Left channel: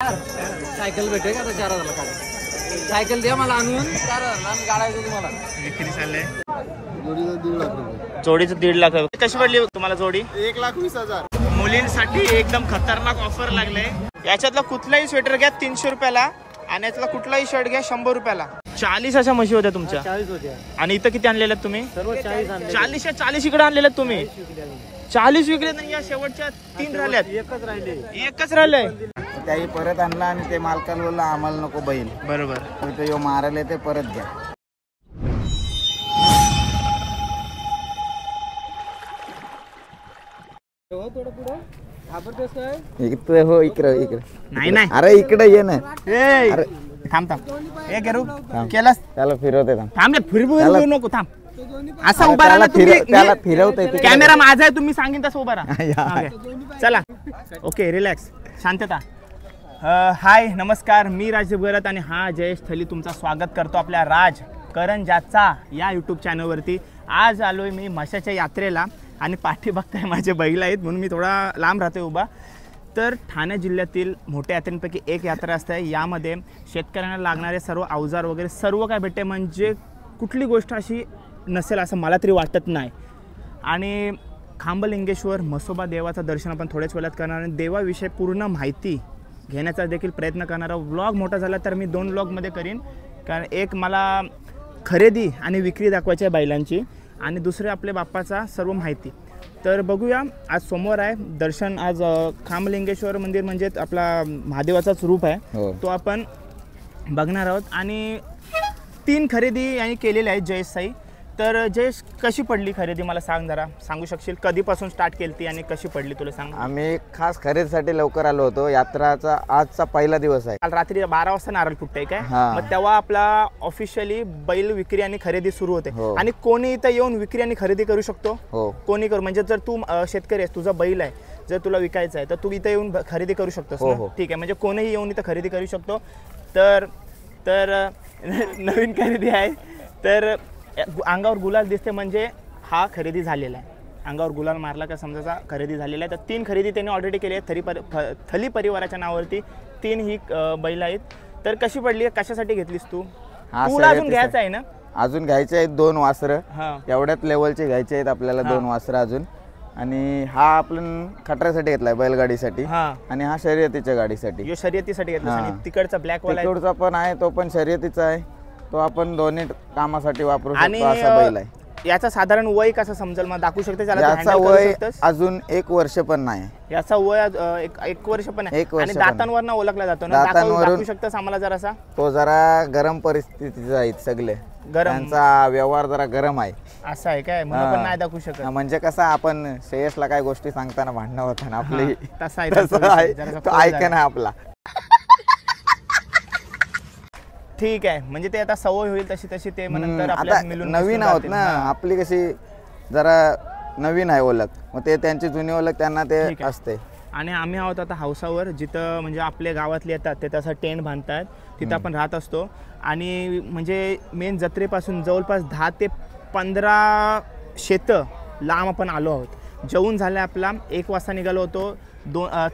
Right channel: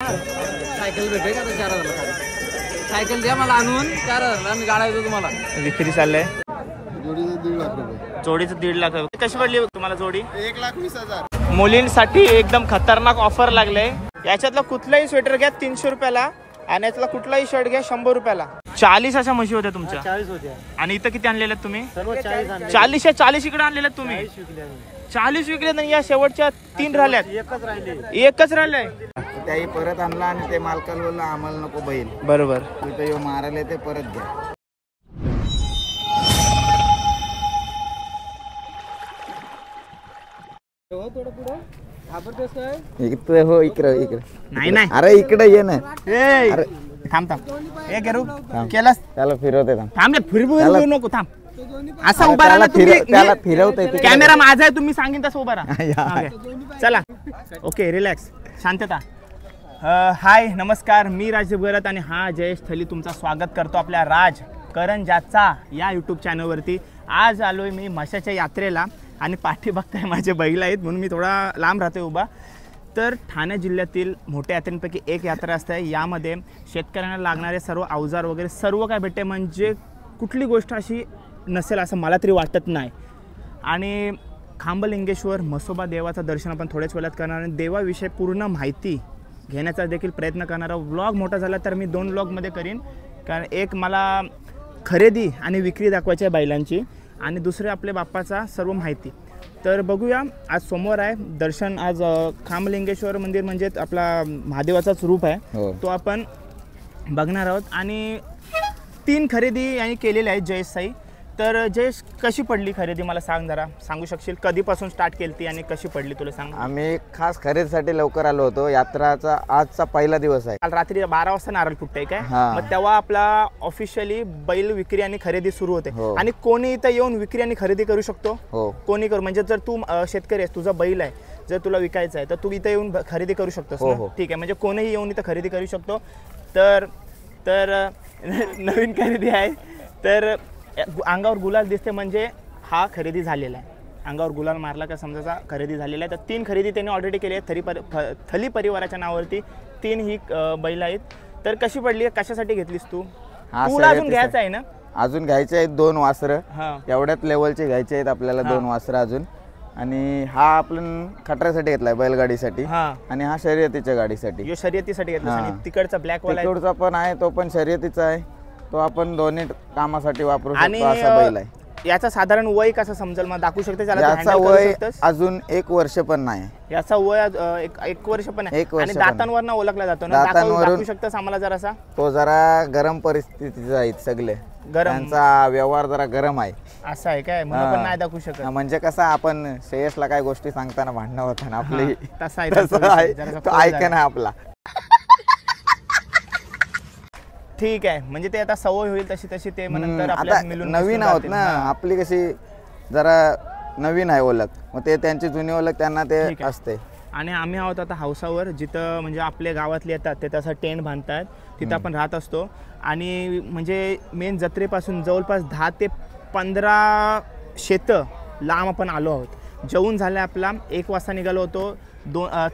Cycle भेटेल का 4000 ला? सायकल द्या मला आणून 4000 आम्ही गाडा देतो तुम्हाला. विक्री चाललंय जोडीचं 1.5 लाख रुपये. जोडीचं 1.5 लाख रुपये. कशी पडली तुम्हाला जोडी? 1,20,000. मुलींसाठी एकदम खतरनाक ऑफर लागले. याच्यातला कुठलाही स्वेटर घ्या 300 रुपयाला आणि यातला कुठलाही शर्ट घ्या 100 रुपयाला. 40 अशा म्हशी होत्या तुमच्या? 40 होत्या. आणि इथं किती आणलेल्या तुम्ही? सर्व 40 आणले. 40 इकडे आणलेल्या तुम्ही? 40 विकले आणि या शेवटच्या 3 राहिल्यात. एकच राहिले. त्याही परत आणला आणि ते मालकाला बोलला आम्हाला नको बैल. बरोबर. ते मारायला ते परत घ्या. इकडे हो इकडे. नाही अरे इकडे ये ना. अरे थांब हे करू केलास त्याला फिरवते थांब रे. फिरवू नको थांब. असा उभा राहा त्याला फिरवते. कॅमेरा माझा आहे तुम्ही सांगेन तसं उभा राहा. चला ओके रिलॅक्स शांतता. हाय नमस्कार मी राजीव गरत आणि हा जयेश थली तुमचं स्वागत करतो आपल्या राज करंजाचा या यूट्यूब चॅनलवरती. आज आलोय मी म्हशाच्या यात्रेला आणि पाठी बघताय माझे बैल आहेत म्हणून मी थोडा लांब राहतोय उभा. तर ठाणे जिल्ह्यातील मोठ्या यात्रेपैकी एक यात्रा असते. यामध्ये शेतकऱ्यांना लागणारे सर्व अवजार वगैरे सर्व काय भेटते. म्हणजे कुठली गोष्ट अशी नसेल असं मला तरी वाटत नाही. आणि खांबलिंगेश्वर म्हसोबा देवाचं दर्शन आपण थोड्याच वेळात करणार आणि देवाविषयी पूर्ण माहिती घेण्याचा देखील प्रयत्न करणारा व्लॉग मोठा झाला तर मी 2 व्लॉगमध्ये करीन. कारण एक मला खरेदी आणि विक्री दाखवायची आहे बैलांची आणि दुसरे आपल्या बाप्पाचा सर्व माहिती. तर बघूया. आज सोमवार आहे. दर्शन आज खांबलिंगेश्वर मंदिर म्हणजे आपला महादेवाचाच रूप आहे तो आपण बघणार आहोत. आणि 3 खरेदी यांनी केलेल्या आहेत जयेश साई. तर जयेश कशी पडली खरेदी मला सांग जरा. सांगू शकशील कधीपासून स्टार्ट केली ती आणि कशी पडली तुला सांग. आम्ही खास खरेदीसाठी लवकर आलो होतो. यात्राचा आजचा पहिला दिवस आहे. काल रात्री 12 वाजता नारळ फुटतंय काय मग तेव्हा आपला ऑफिशियली बैल विक्री आणि खरेदी सुरू होते. आणि कोणी इथं येऊन विक्री आणि खरेदी करू शकतो. कोणी करू म्हणजे जर तू शेतकरी आहेस तुझा बैल आहे जर तुला विकायचा आहे तर तू इथं येऊन खरेदी करू शकतोस. ठीक आहे म्हणजे कोणीही येऊन इथं खरेदी करू शकतो. तर नवीन खरेदी आहे. तर अंगावर गुलाल दिसते म्हणजे हा खरेदी झालेला आहे. अंगावर गुलाल मारला का समजायचा खरेदी झालेला आहे. तर 3 खरेदी त्यांनी ऑलरेडी केली आहे. थली परिवाराच्या नावावरती 3 ही बैल आहेत. तर कशी पडली कशासाठी घेतलीस तू? तुला अजून घ्यायचं आहे ना? अजून घ्यायचे आहेत 2 वासरं. एवढ्याच लेवलचे घ्यायचे आहेत आपल्याला 2 वासरं अजून. आणि हा आपण खटऱ्यासाठी घेतलाय बैलगाडीसाठी आणि हा शर्यतीच्या गाडीसाठी. शर्यतीसाठी घेतला. तिकडचा ब्लॅक वाला तिकडचा पण आहे तो पण शर्यतीचा आहे. तो आपण दोन्ही कामासाठी वापरू शकतो असा बैल आहे. याचा साधारण वय कसं समजेल मला दाखवू शकते? याचा वय अजून 1 वर्ष पण नाही. याचा वय 1 वर्ष पण आहे. आणि दातांवर ओळखला जातो ना? दाखवू शकतोस आम्हाला जरासा? तो जरा गरम परिस्थितीचा आहे. सगळे त्यांचा व्यवहार जरा गरम आहे. असं आहे काय? म्हणून पण नाही दाखवू शकत. म्हणजे कसं आपण श्रेयसला काय गोष्टी सांगताना भांडणं होतं ना आपली तसं आहे. तो ऐका ना आपला. ठीक आहे म्हणजे ते आता सवय होईल तशी ते नंतर आपल्याला मिळून नवीन आहोत ना. आपली कशी जरा नवीन आहे ओळख मग ते त्यांची जुनी ओळख त्यांना ते असते. आणि आम्ही आहोत आता हौसावर जिथं म्हणजे आपल्या गावातले येतात ते तसं टेंट बांधतात तिथं आपण राहत असतो. आणि म्हणजे मेन जत्रेपासून जवळपास 10 ते 15 शेतं लांब आपण आलो आहोत. जेवून झालं आपला 1 वाजता निघालो होतो.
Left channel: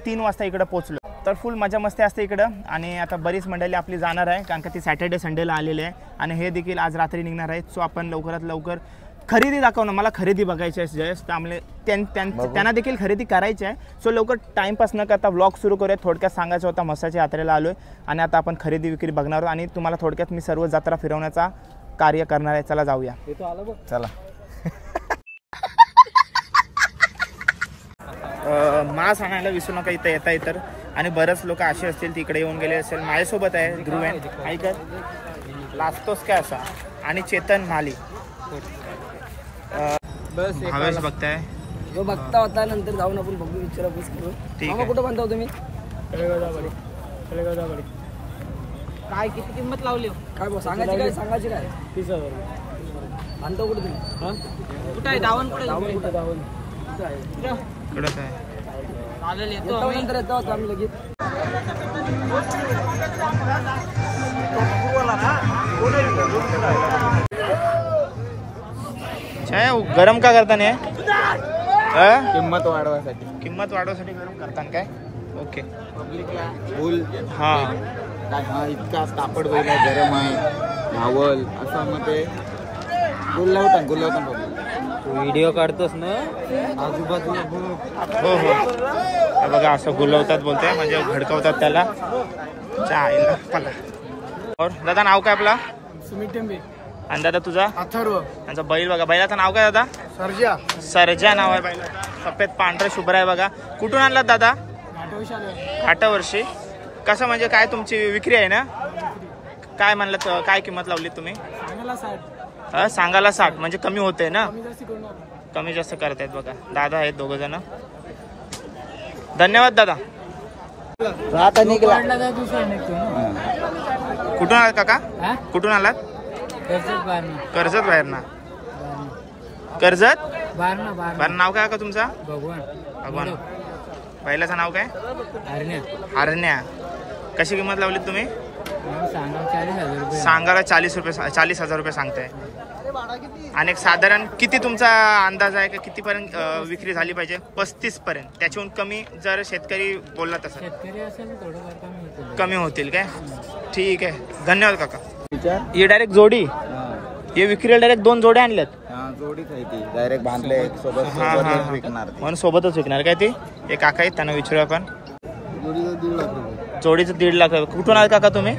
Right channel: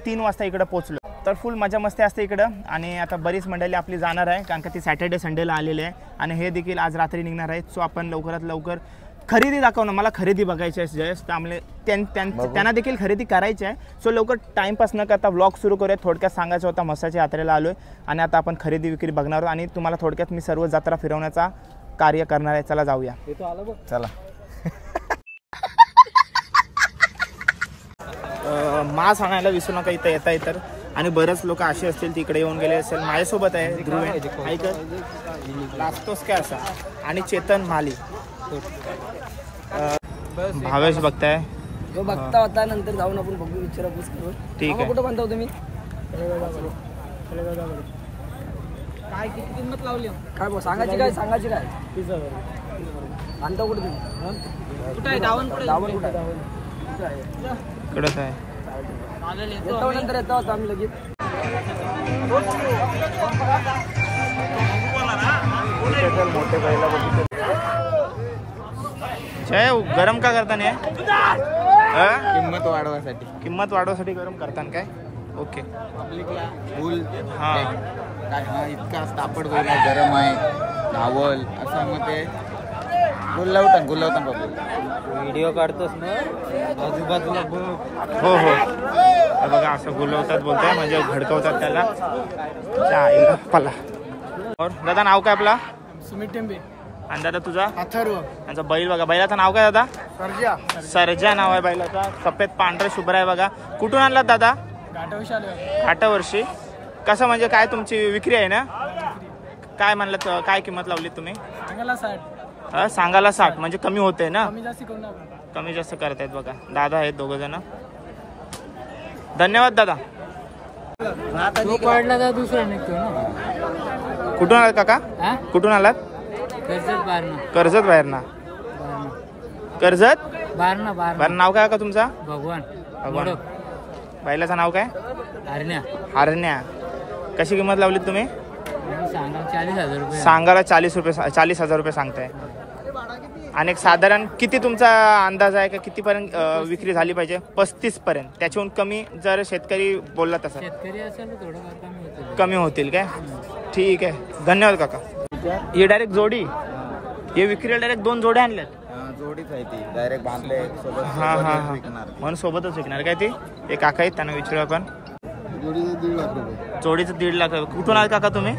3 वाजता इकडं पोचलो. तर फुल मजा मस्ती असते इकडं. आणि आता बरीच मंडळी आपली जाणार आहे कारण का ती सॅटर्डे संडेला आलेले आहे आणि हे देखील आज रात्री निघणार आहेत. सो आपण लवकरात लवकर खरेदी दाखवणं. मला खरेदी बघायची आहे जयेश. त्यामुळे त्यांना देखील खरेदी करायची आहे. सो लवकर टाईमपास न करता व्लॉग सुरू करूया. थोडक्यात सांगायचं होता म्हसाच्या यात्रेला आलो आहे आणि आता आपण खरेदी विक्री बघणार आहोत आणि तुम्हाला थोडक्यात मी सर्व जत्रा फिरवण्याचा कार्य करणार आहे. चला जाऊया. चला. मा सांगायला विसरू नका इथं येता तर. आणि बरेच लोक असे असतील तिकडे येऊन गेले असेल. माझ्यासोबत आहे ध्रुवेन ऐकत लाजतोस काय असा आणि चेतन माली. भावेश बघताय बघता होता नंतर जाऊन आपण बघू विचारपूस करू. ठीक आहे. कुठं बांधता तुम्ही? काय किती किंमत लावली काय सांगायची काय? 30,000 बांधता कुठे तुम्ही? कुठं आहे दावण? कुठे कडक आहे. नंतर येतो आम्ही लगेच. गरम का करता नाही? किंमत वाढवायसाठी गरम करताना काय? ओके. पब्लिकला फुल हा काय हा इतका तापड बैल आहे, गरम आहे, धावल असं मग ते गुल्लावतान पब्लिक. व्हिडिओ काढतोस ना आजूबाजूला बघ. हो हो हे बघा असं गुलवतात बोलताय म्हणजे भडकवतात त्याला. चायला पला. और दादा नाव काय आपला? सुमित टेंबे. आणि दादा तुझा? अथर्व. त्यांचा बैल बघा, बैलाचं नाव काय दादा? सर्जा. सर्जा नाव आहे बैलाचा. सफेद पांढरा शुभ्र आहे बघा. कुठून आणलात दादा? घाटावर्षी. कसं म्हणजे काय तुमची विक्री आहे ना? काय म्हणलं, काय किंमत लावली तुम्ही? सांगायला 60 म्हणजे कमी होते ना? कमी जास्त करतायत बघा. दादा आहेत दोघ जण. धन्यवाद दादा. कुठून आलात काका? कुठून आलात? कर्जत बाहेरना. कर्जत बाहेर. नाव काय का तुमचा? भगवान. बैलाचं नाव काय? हरण्या. कशी किंमत लावली तुम्ही? सांगायला 40,000 रुपये सांगताय. आणि एक साधारण किती तुमचा अंदाज आहे का किती पर्यंत विक्री झाली पाहिजे? 35 पर्यंत. त्याच्याहून कमी जर शेतकरी बोलला तसं कमी होतील काय? ठीक आहे, धन्यवाद काका. हे डायरेक्ट जोडी, हे विक्रीला डायरेक्ट 2 जोड्या आणल्यात. जोडीच आहे ती, डायरेक्ट बांधले. हा हा म्हणून सोबतच विकणार काय ती? एक काका आहेत त्यांना विचारू आपण. जोडीचं 1.5 लाख रुपये. जोडीचं 1.5 लाख. कुठून आले काका तुम्ही?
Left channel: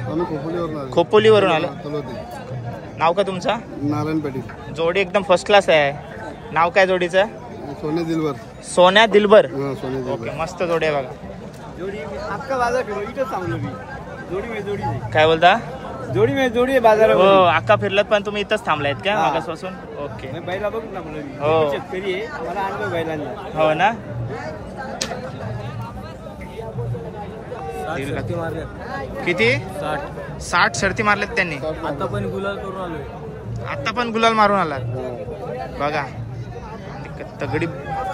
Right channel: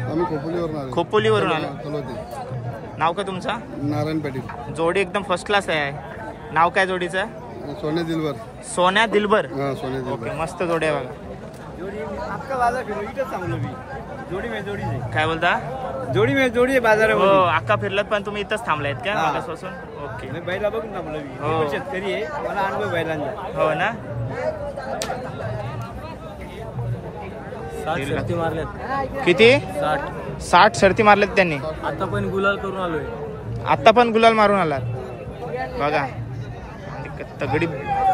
खोपोलीवरून आले. नाव काय तुमचा? नारायण पाटील. जोडी एकदम फर्स्ट क्लास आहे. नाव काय जोडीचं? सोन्या दिलबर. सोन्या दिलबर. ओके, मस्त जोडी आहे बघा. काय बोलता? जोडी बाजार. हो अक्का फिरलात पण तुम्ही इथंच थांबलायत का मागासपासून? ओके. बैला बघून थांबलो मी. हो शेतकरी आहे, मला अनुभव बैलांचा. हो ना. किती? 60 शर्ती मारल्यात त्यांनी. आता पण गुलाल करून आलोय. आता पण गुलाल मारून आलात बघा.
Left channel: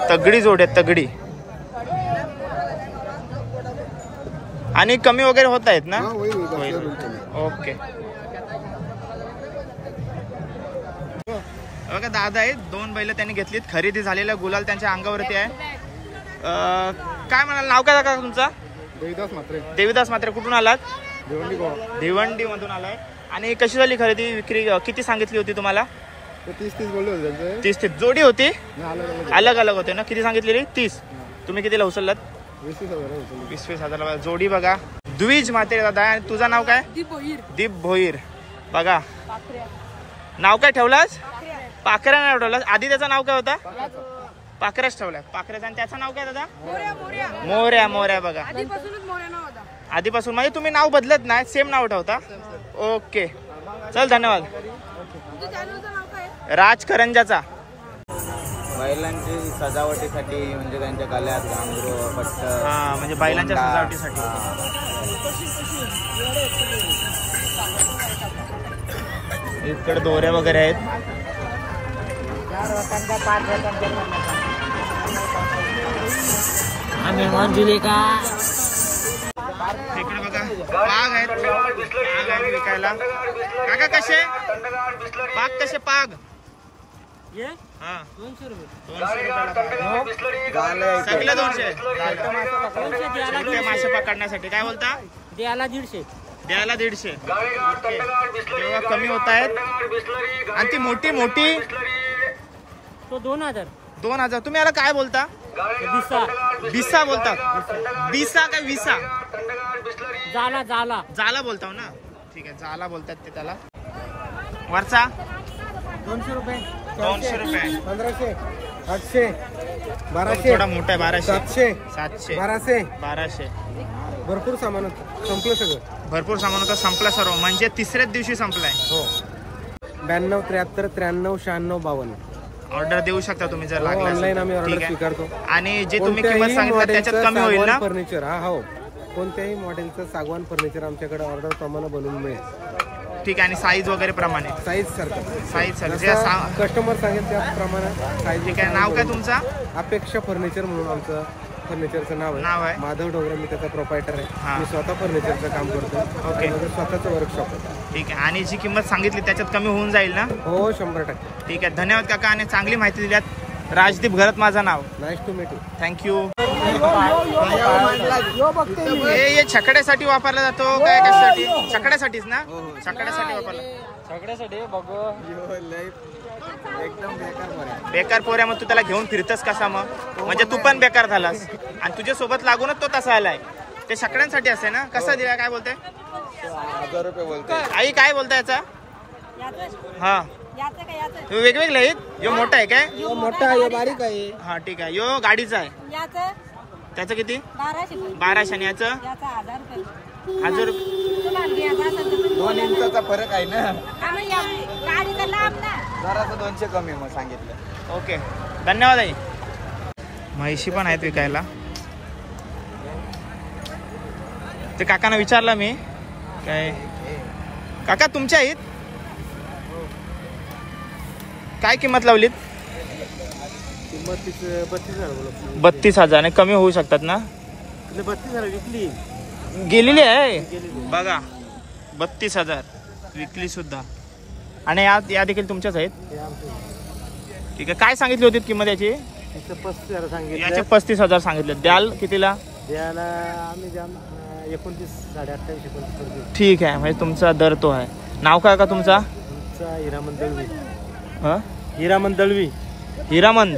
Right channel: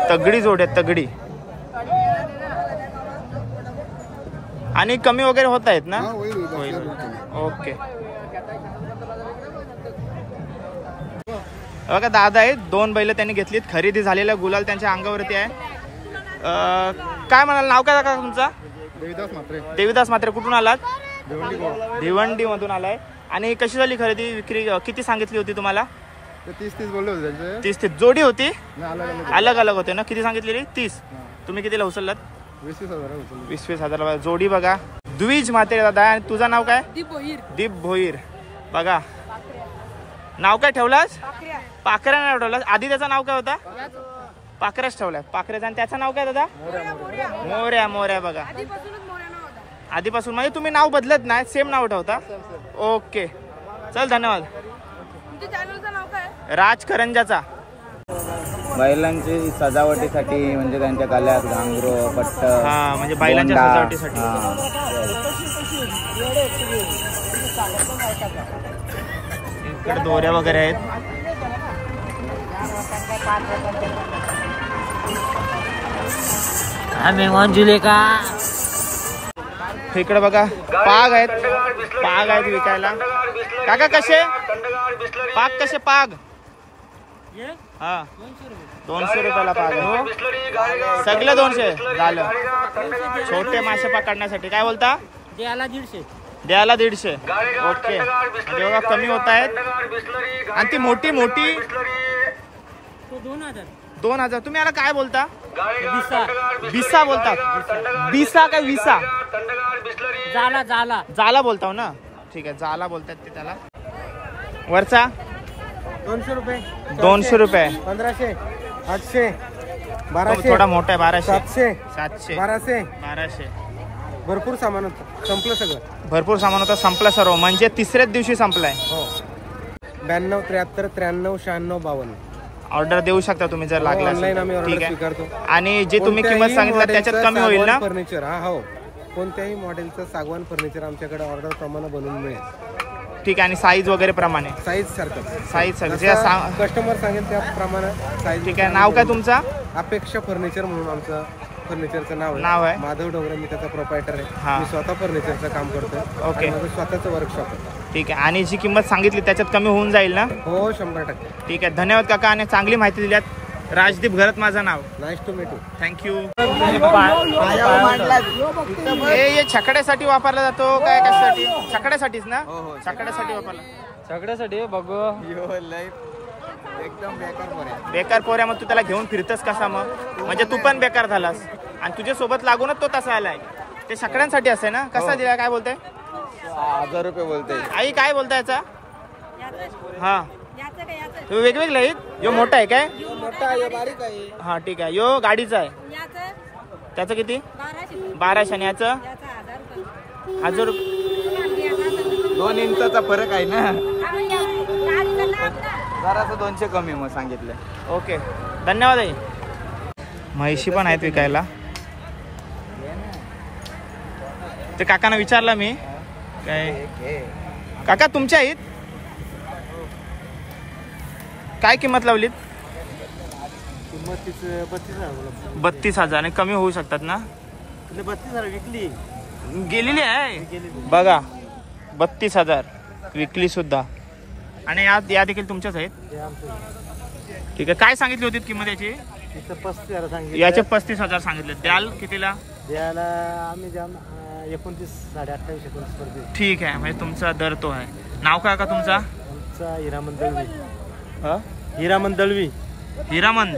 तगडी जोड आहे, तगडी. आणि कमी वगैरे होत आहेत ना? ओके. बघा दादा आहेत, 2 बैल त्यांनी घेतलीत. खरेदी झालेला गुलाल त्यांच्या अंगावरती आहे. काय म्हणाल, नाव काय दादा तुमचा? देवीदास म्हात्रे. कुठून आलात? भिवंडी मधून आलाय. आणि कशी झाली खरेदी विक्री? किती सांगितली होती तुम्हाला? 30 बोलले होते. 30 जोडी होती? अलग अलग होते ना? किती सांगितलेली? 30. तुम्ही कितीला उचललात? 20,000. जोडी बघा. द्विज म्हात्रे दादा. आणि तुझं नाव काय? दीप भोईर. बघा नाव काय ठेवलास? पाखऱ्या नाव ठेवलास. आधी त्याचं नाव काय होता? पाखऱ्याच ठेवलाय. पाखऱ्याचं. आणि त्याचं नाव काय दादा? मोऱ्या. बघा आधीपासून म्हणजे तुम्ही नाव बदलत नाही, सेम नाव ठेवता. ओके चल, धन्यवाद. राज करंजाचा. बैलांची सजावटीसाठी म्हणजे त्यांच्या गळ्यात घांगरू, पट्ट. हा म्हणजे बैलांच्या सजावटीसाठी. इकडे दोऱ्या वगैरे आहेत. इकडे बघा पाग आहेत विकायला. काका कसे पाग? कसे पाग? हा 200 रुपयाला पाग आहे. सगळे 200 झालं. छोटे मासे पकडण्यासाठी. काय बोलता? द्यायला 150. ओके म्हणजे बघा कमी होत आहेत. आणि ती मोठी 2,000. तुम्ही याला काय बोलता? बिसा बोलतात. बिसा का विसा? जाला बोलता ना? ठीक आहे, जाला बोलतात ते त्याला. वरचा 200 रुपये. 1500, 800, 1200. थोडा मोठा आहे. 1200, 700, 1200. भरपूर सामान होतं. संपलं सगळं. भरपूर सामान होतं. संपलं सर्व. म्हणजे तिसऱ्याच दिवशी संपलाय. हो. 92, 73, 93, 96, 52. ऑर्डर देऊ शकता तुम्ही जर लागला. ऑनलाईन आम्ही ऑर्डर स्वीकारतो. आणि जे तुम्ही किंमत सांगितलं त्याच्यात कमी होईल ना? फर्निचर. हो, कोणत्याही मॉडेलचं सागवान फर्निचर आमच्याकडे ऑर्डर प्रमाणे बनवून मिळेल. ठीक आहे. आणि साईज वगैरे प्रमाणे? साईज सारखं कस्टमर सांगेल त्याप्रमाणे साईज. ठीक आहे. नाव काय तुमचा? अपेक्षा फर्निचर म्हणून आमचं फर्निचरचं नाव आहे. माधव डोंगरे. मी त्याचा प्रोपायटर आहे. मी स्वतः फर्निचरचं काम करतोय. ओके. माझं स्वतःचं वर्कशॉप आहे. ठीक आहे. आणि जी किंमत सांगितली त्याच्यात कमी होऊन जाईल ना? हो, 100%. ठीक आहे, धन्यवाद काका. आणि चांगली माहिती दिल्यात. राजदीप घरत माझं नाव. Nice to meet you. Thank you. हे छकड्यासाठी वापरला जातो काय कशासाठी? छकड्यासाठीच ना? छकड्यासाठी वापरला. सगळ्यासाठी बघू. एकदम बेकार पोऱ्या. बेकार पोऱ्या. मग तू त्याला घेऊन फिरतस कसा मग? म्हणजे तू पण बेकार झालास आणि तुझ्या सोबत लागूनच तो तसा आलाय. ते छकड्यांसाठी असे ना? कसा दिला काय बोलताय? 1000 रुपये बोलतोय. आई काय बोलताय याचा? हा वेगवेगळे आहेत. यो मोठा आहे काय? मोठा आहे बारीक आहे. हा ठीक आहे. यो गाडीचा आहे. त्याचं किती? 1200. आणि याचं 1000 रुपये. 2 इंचाचा फरक आहे ना. जरासं 200 कमी मग सांगितलं. ओके धन्यवाद. आई म्हैशी पण आहेत विकायला. ते काकांना विचारलं मी काय काका तुमच्या आहेत काय किंमत लावलीत? किंमत 32,000. 32,000 आणि कमी होऊ शकतात ना? 32,000 विकली गेलेली आहे बघा. 32,000 विकली सुद्धा. आणि या देखील तुमच्याच आहेत. ठीक आहे. काय सांगितली होती किंमत याची? 35,000 सांगितले. याचे 35,000 सांगितले. द्याल कितीला? द्यायला आम्ही 29,28,29. ठीक आहे. म्हणजे तुमचा दर तो आहे. नाव काय का तुमचा? आमचा हिरामन दळवी. हिरामन दळवी. हिरामंद.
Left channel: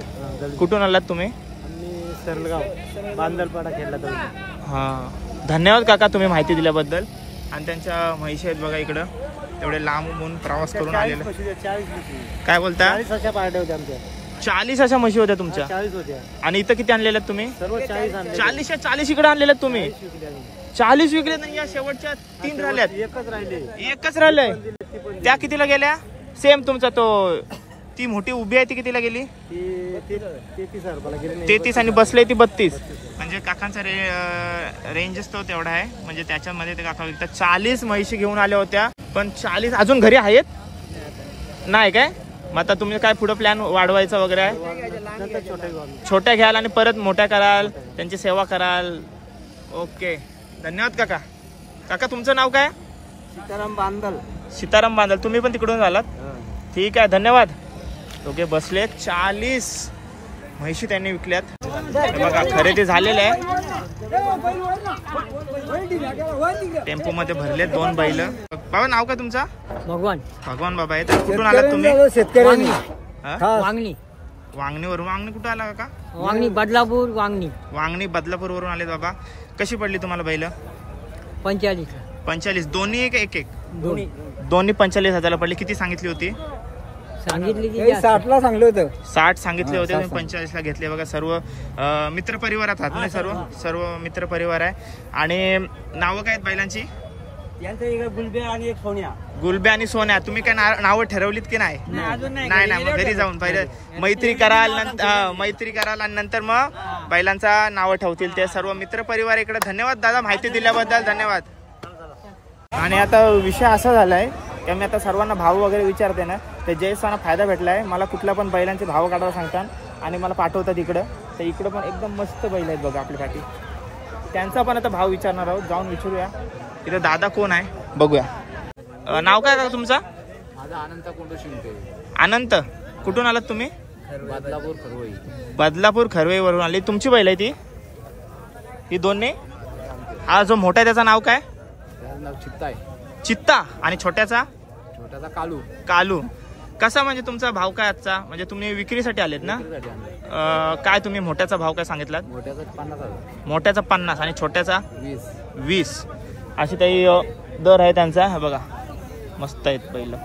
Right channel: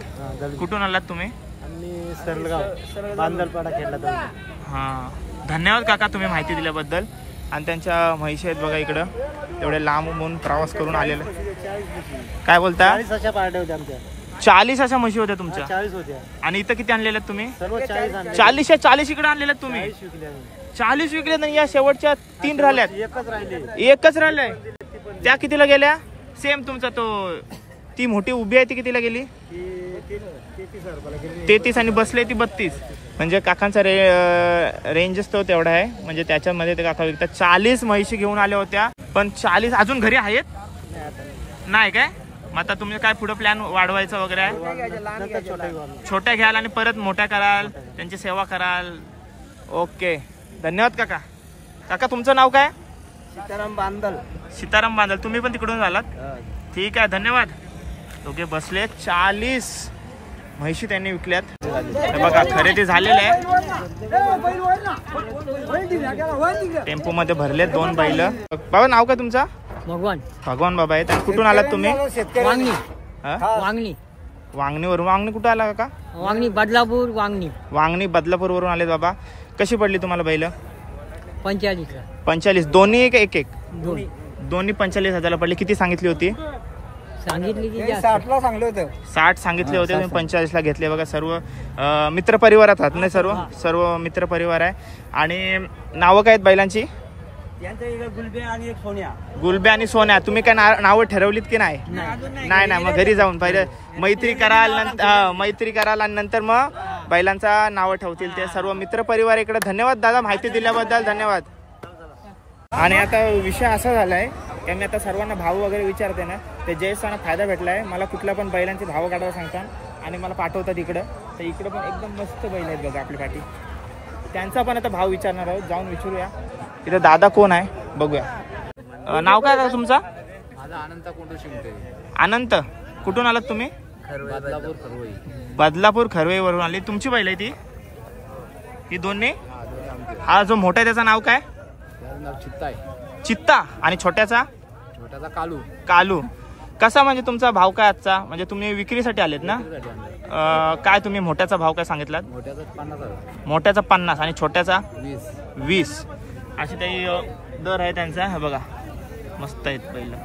कुठून आलात तुम्ही? आम्ही सरलगाव बांदलपाडा खेळला दळवी. हा धन्यवाद काका तुम्ही माहिती दिल्याबद्दल. आणि त्यांच्या म्हैशी आहेत बघा इकडं. तेवढे लांबून प्रवास करून आलेले. काय बोलता? 40 अशा पार्ट्या होत्या आमच्या. 40 अशा म्हशी होत्या तुमच्या? 40 होत्या. आणि इथं किती आणलेल्या तुम्ही? सर्व 40 आणले. 40 इकडे आणलेल्या तुम्ही? 40 विकले आम्ही. 40 विकले. आणि या शेवटच्या 3 राहिल्यात? एकच राहिले. त्या कितीला गेल्या? सेम तुमचा तो ती मोठी उभी आहे ती कितीला गेली? 33 आणि बसले ती 32. म्हणजे काकांचा रेंजच तो तेवढा आहे. म्हणजे त्याच्यामध्ये ते काका विकतात. 40 म्हैशी घेऊन आल्या होत्या. पण 40 अजून घरी आहेत नाही काय? मग आता तुम्ही काय पुढे प्लॅन वाढवायचा वगैरे आहे? छोट्या घ्याल आणि परत मोठ्या कराल, त्यांची सेवा कराल. ओके धन्यवाद काका. काका तुमचं नाव काय? सीताराम बांदल. सीताराम बांदल. तुम्ही पण तिकडून झालात? ठीक आहे धन्यवाद. दोघे बसले. 40 म्हैशी त्यांनी विकल्यात. बघा खरेदी झालेले आहे. टेम्पो मध्ये भरले 2 बैल. बाबा नाव काय तुमचा? भगवान. भगवान बाबा आहेत. कुठून आलात तुम्ही? वांगणी. वांगणी. वांगणीवरून. वांगणी कुठं आला काका? वांगणी बदलापूर. वांगणी बदलापूर वरून आले बाबा. कशी पडली तुम्हाला बैल? 45. दोन्ही एक दोन्ही 45,000 पडली. किती सांगितली होती? सांगितली की 60ला सांगले होते. 60 सांगितले होते. तुम्ही 45ला घेतले. बघा सर्व मित्र परिवारात आहात ना? सर्व मित्र परिवार आहे. आणि नावं काय आहेत बैलांची? गुलब्या आणि एक सोन्या. गुलब्या आणि सोन्या. तुम्ही काय नावं ठरवलीत की नाही? नाही. मग घरी जाऊन पहिले मैत्री कराल आणि नंतर मग बैलांचा नावं ठेवतील ते सर्व मित्र परिवार इकडे. धन्यवाद दादा माहिती दिल्याबद्दल. धन्यवाद. आणि आता विषय असा झालाय की मी आता सर्वांना भाव वगैरे विचारते ना, ते जयस्थाना फायदा भेटलाय. मला कुठला पण बैलांचे भाव काढायला सांगतात आणि मला पाठवतात इकडं. तर इकडं पण एकदम मस्त बैल आहेत बघा आपल्या पाठी. त्यांचा पण आता भाव विचारणार आहोत. जाऊन विचारूया. इथं दादा कोण आहे बघूया. नाव काय का तुमचा? माझा अनंत कोंडू शिंगटे. अनंत. कुठून आलात तुम्ही? बदलापूर खरवई. बदलापूर खरवईवरून आली. तुमची बैल आहे ती दोन्ही? हा जो मोठा आहे त्याचं नाव काय? त्याचं नाव चित्ता आहे. चित्ता. आणि छोट्याचा? छोट्याचा कालू. कालू. कसा म्हणजे तुमचा भाव काय आजचा? म्हणजे तुम्ही विक्रीसाठी आलेत ना? काय तुम्ही मोठ्याचा भाव काय सांगितलात? मोठ्याचा 50,000. मोठ्याचा 50 आणि छोट्याचा 20. अशी काही दर आहे त्यांचा. हे बघा मस्त आहेत पहिलं.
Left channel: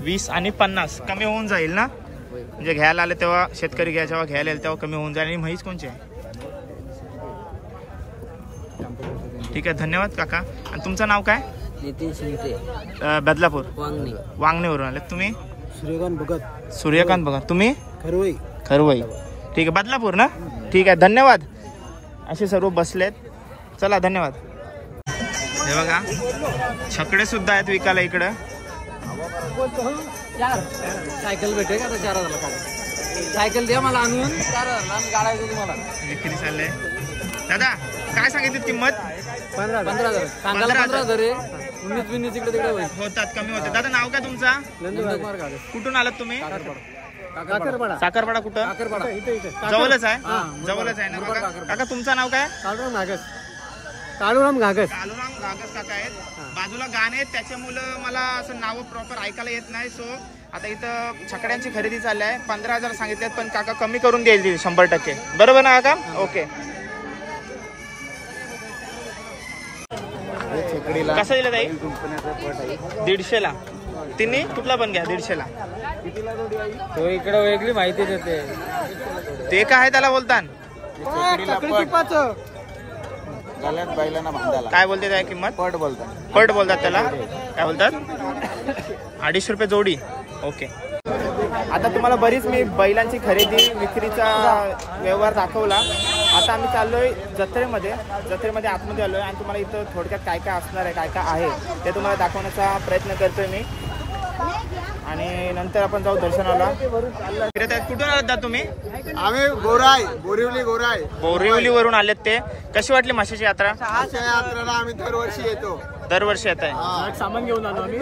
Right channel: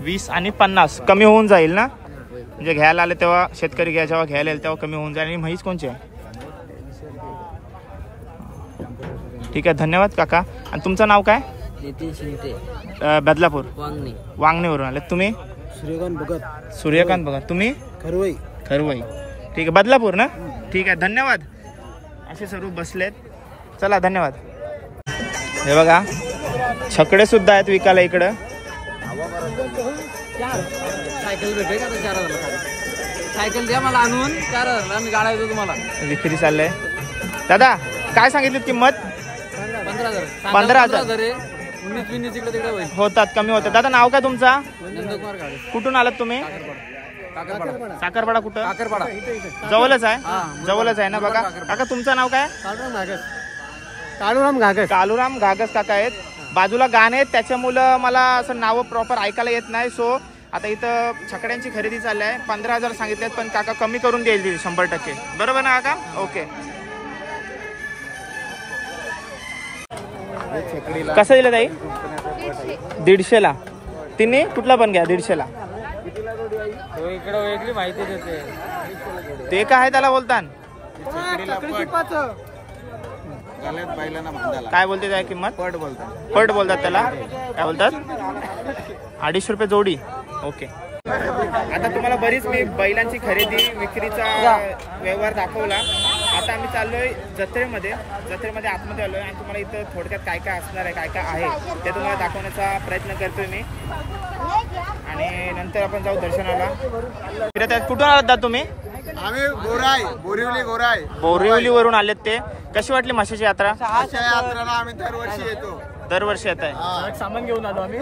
20 आणि 50 कमी होऊन जाईल ना? म्हणजे घ्यायला आले तेव्हा शेतकरी जेव्हा घ्यायला येईल तेव्हा कमी होऊन जाईल. आणि म्हैस कोणची आहे? ठीक आहे धन्यवाद काका. आणि तुमचं नाव काय? नितीन शिंगटे. बदलापूर. वांगणीवरून आले. तुम्ही? सूर्यकांत भगत. तुम्ही? खरवई. ठीक आहे बदलापूर ना? ठीक आहे धन्यवाद. असे सर्व बसलेत. चला धन्यवाद. हे बघा छकडे सुद्धा आहेत विकायला इकडं. सायकल भेटेल का? 4,000 का सायकल द्या मला आणून. 4,000 आम्ही गाडा देतो तुम्हाला. विक्री चाललंय. दादा काय सांगितली किंमत? 15,000. 15,000. 19-20 इकडे तिकडे होईल. होतात कमी होतात. दादा नाव काय तुमचा? नंदकुमार गाडे. कुठून आलात तुम्ही? साखरपाडा कुठं? जवळच आहे, जवळच आहे ना बघा. काका तुमचं नाव काय? कालूराम घागस काका आहेत. बाजूला गाणे आहेत, त्याच्यामुळं मला असं नावं प्रॉपर ऐकायला येत नाही. सो आता इथं छकड्यांची खरेदी चालली आहे. 15,000 सांगितलेत, पण काका कमी करून देईल 100%. बरोबर ना काका? ओके. कसं दिलं ताई? 150ला. तिन्ही कुठला पण घ्या 150ला. इकडे वेगळी माहिती देते. ते काय आहे त्याला बोलतात? काय बोलते त्या किंमत? पट बोलतात. पट बोलतात त्याला. काय बोलतात? 250 रुपये जोडी. ओके. आता तुम्हाला बरीच मी बैलांची खरेदी विक्रीचा व्यवहार दाखवला. आता आम्ही चाललोय जत्रेमध्ये आतमध्ये आलोय आणि तुम्हाला इथं थोडक्यात काय काय असणार आहे, काय काय आहे ते तुम्हाला दाखवण्याचा प्रयत्न करतोय मी. आणि नंतर आपण जाऊ दर्शनाला. कुठून आलात तुम्ही? आम्ही बोरिवली वरून आलेत. ते कशी वाटली माशाची यात्रा? यात्रेला आम्ही दरवर्षी येतो. दरवर्षी येत आहे. सामान घेऊन आलो आम्ही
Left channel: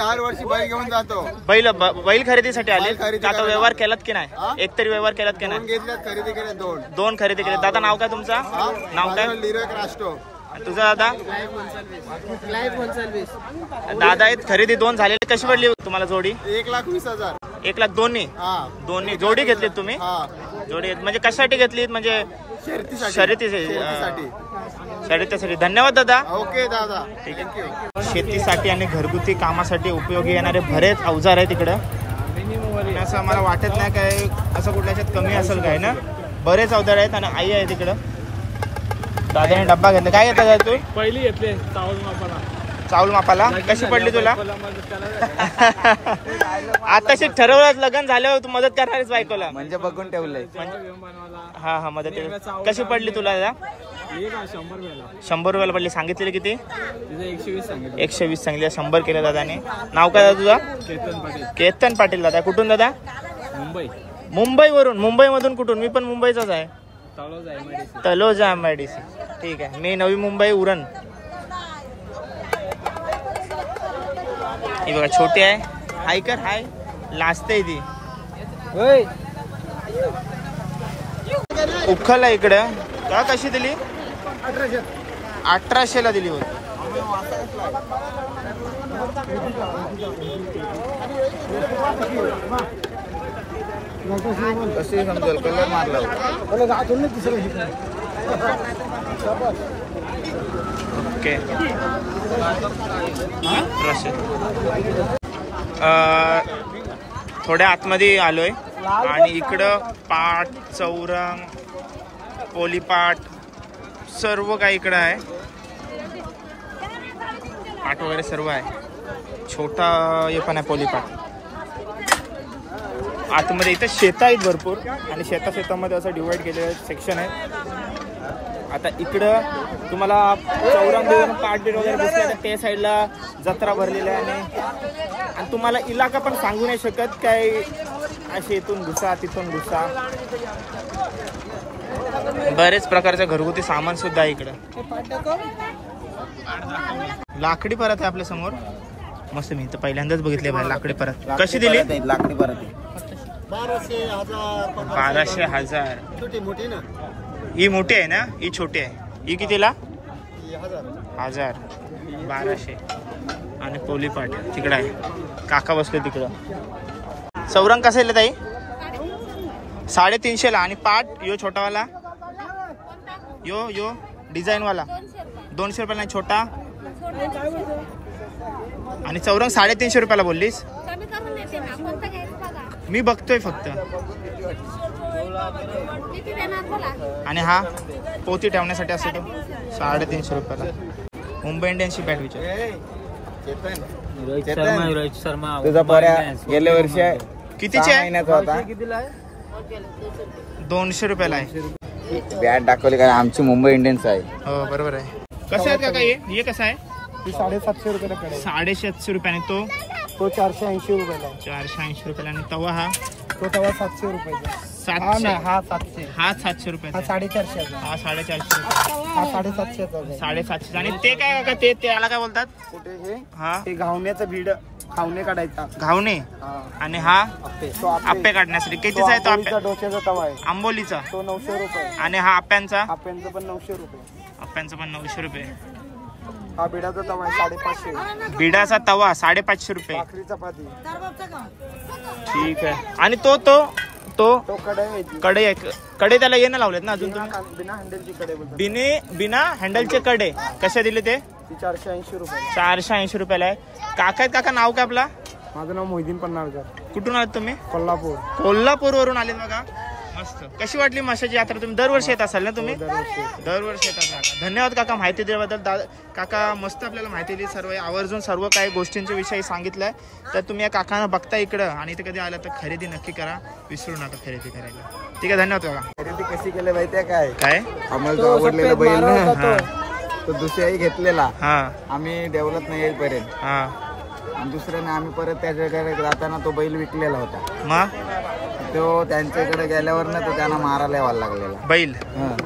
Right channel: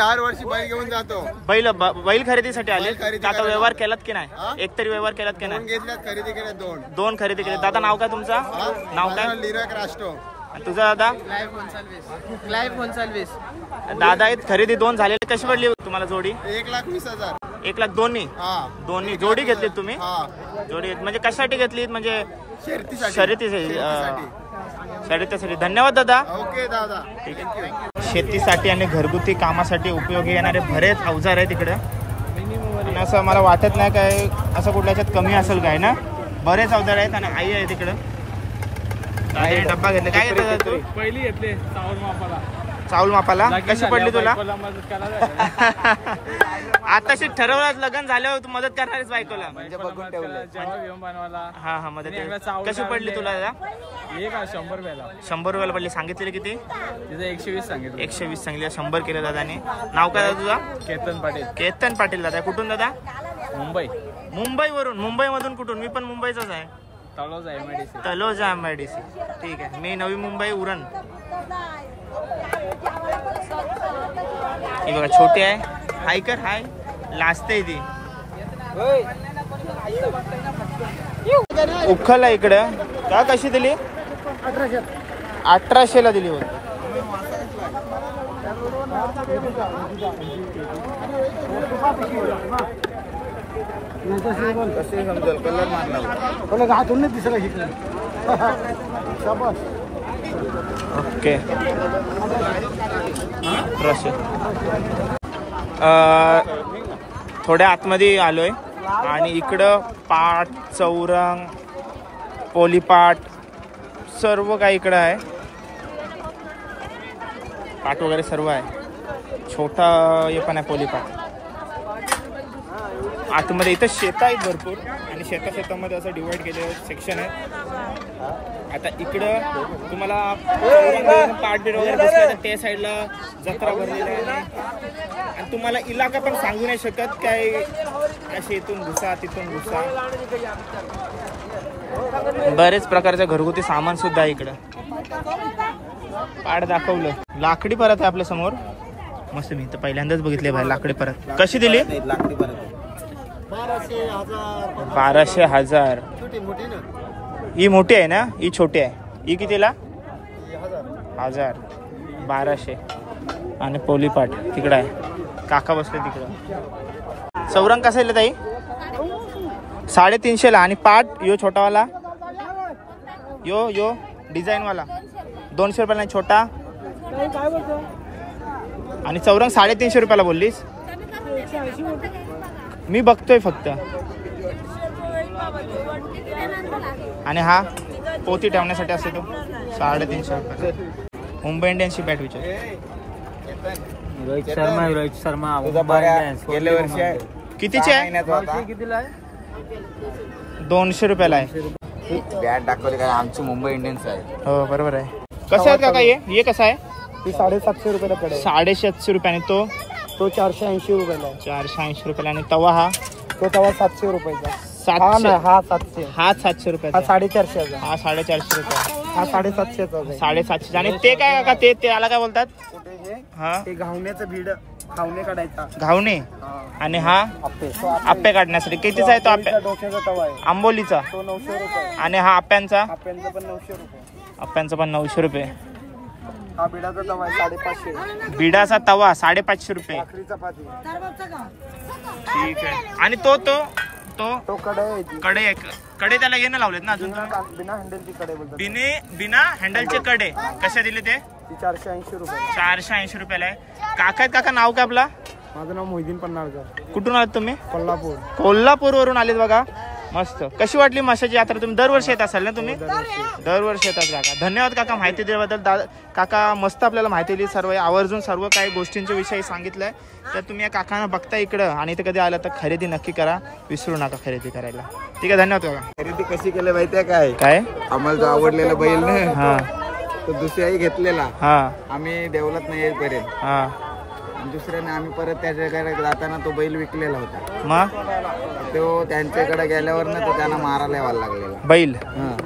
हर वर्षी बैल घेऊन जातो. बैल खरेदीसाठी आले. आता व्यवहार केलात की नाही? एकतरी व्यवहार केलात की नाही? खरेदी केले दोन खरेदी केले. दादा नाव काय तुमचा? नाव काय? लिरक राष्ट्र. तुझा दादा? दादा आहेत. खरेदी 2 झालेली. कशी पडली तुम्हाला जोडी? 1,20,000. 1,00,000 दोन्ही जोडी घेतलीत तुम्ही? जोडी म्हणजे कशासाठी घेतलीत? म्हणजे शर्यतीसाठी. धन्यवाद दादा. ओके दादा. ठीक आहे. शेतीसाठी आणि घरगुती कामासाठी उपयोगी येणारे बरेच अवजार आहेत तिकडं. आणि असं मला वाटत नाही काय असं कुठल्याच्यात कमी असेल काय ना. बरेच अवजार आहेत आणि आई आहे तिकडं. दादाने डब्बा घेतला. काय घेतला तू? पहिली घेतले चावल मापाला. कशी पडली तुला? आताशी ठरवलं लग्न झाल्यावर तू मदत करणारच बायकोला. म्हणजे बघून ठेवलंय. हा मदत. कशी पडली तुला दादा? 100 रुपयाला पडली. सांगितलेली किती? 120 सांगितलं. 120 सांगितले. 100 केलं दादाने. नाव काय दादा तुझा? केतन पाटील. दादा कुठून दादा? मुंबईवरून. मुंबईमधून कुठून? मी पण मुंबईचाच आहे. तलोजा MIDC. ठीक आहे. मी नवी मुंबई उरण. ही बघा छोटी आहे. हाय कर. हाय लाजते ती. उखल आहे इकडं. का कशी दिली? 1800ला दिली होती. ओके. थोड्या आतमध्ये आलोय आणि इकडं पाट, चौरंग, पोलीपाट सर्व काही इकडं आहे. पाट वगैरे सर्व आहे. छोटा हे पण आहे पोलीपाट. आतमध्ये इथं शेत आहेत भरपूर आणि शेतामध्ये असं डिवाइड केलेलं सेक्शन आहे. आता इकडं तुम्हाला चौरंग देऊन पाठबीट वगैरे बसल्या तर त्या साईडला जत्रा भरलेला आहे. आणि तुम्हाला इलाका पण सांगू नाही शकत काय असे इथून घुसा तिथून घुसा. बरेच प्रकारचं घरगुती सामान सुद्धा आहे इकडं. पाट दाखवलं. लाकडी परत आहे आपल्या समोर. मस्त. मी तर पहिल्यांदाच बघितले भाई लाकडी परत. कशी दिली? 12,000. ही मोठी आहे ना? ही छोटी आहे. ही कितीला? 1000. 1200. आणि पोलीपाट तिकडं आहे. काका बसले तिकडं. चौरंग कसा आहे ताई? 350ला. आणि पाट यो छोटावाला यो डिझाईन वाला 200 रुपयाला. छोटा आणि चौरंग 350 रुपयाला बोललीस. मी बघतोय फक्त. आणि हा पोती ठेवण्यासाठी असतो तो 350 रुपयाला. मुंबई इंडियन्सची बॅट विचार. रोहित शर्मा गेल्या वर्षी कितीची आहे? कितीला आहे? 200 रुपयाला आहे. बॅट दाखवली काय? आमची मुंबई इंडियन्स आहे. हो बरोबर आहे. कसं आहे काका हे कसं आहे? 750 रुपयाला पडेल. 750 रुपयाने. तो 480 रुपयाला. 480 रुपयाला. आणि तवा हा? तो तवा 700 रुपयाचा. हा 700. हा 700 रुपयाचा. 450. हा 450 रुपये. हा 750. 750. आणि ते काय काका? ते त्याला काय बोलतात? कुठे हे? हा ते घावण्याचं भीड. घावणे काढायचा. घावणे. आणि हा आप्पे काढण्यासाठी कितीचा आहे तो आप्पे? डोक्याचा तवा आहे आंबोलीचा. तो 900 रुपये. आणि हा आप्यांचा? आप्यांचा पण 900 रुपये. आप्यांचा पण 900 रुपये. हा बिडाचा तवा 550. बिडाचा तवा 550 रुपये. चपाती. ठीक आहे. आणि तो तो तो तो कढई कडे कडे त्याला येणं लावलेत ना अजून? बिना हँडलची कढई बोलतात. बिना हँडलचे कडे कशा दिले ते? 480 रुपये. 480 रुपयाला आहे. काका आहेत काका, नाव काय आपला? माझं नाव मोहिदीन पन्हाळकर. कुठून आलात तुम्ही? कोल्हापूर. कोल्हापूर वरून आलेत बघा. मस्त. कशी वाटली म्हशाची यात्रा? तुम्ही दरवर्षी येत असाल ना तुम्ही? दरवर्षी येतात काका. धन्यवाद काका माहिती दिल्याबद्दल. काका मस्त आपल्याला माहिती दिली, सर्व आवर्जून सर्व काही गोष्टींच्या विषयी सांगितलंय. तर तुम्ही या काकांना बघता इकडं आणि इथे कधी आलं तर खरेदी नक्की करा, विसरू नका खरेदी करायला. ठीक आहे, धन्यवाद काका. खरेदी कशी केली माहितीये काय? काय आम्हाला जो आवडलेला बैल ना, हा तो दुसऱ्याही घेतलेला. हा आम्ही डेव्हलप नाही येईपर्यंत, हा आणि दुसऱ्याने आम्ही परत त्याच्याकडे जाताना तो बैल विकलेला होता. मग तो त्यांच्याकडे गेल्यावर ना तो त्यांना मारायला यावा लागलेला बैल.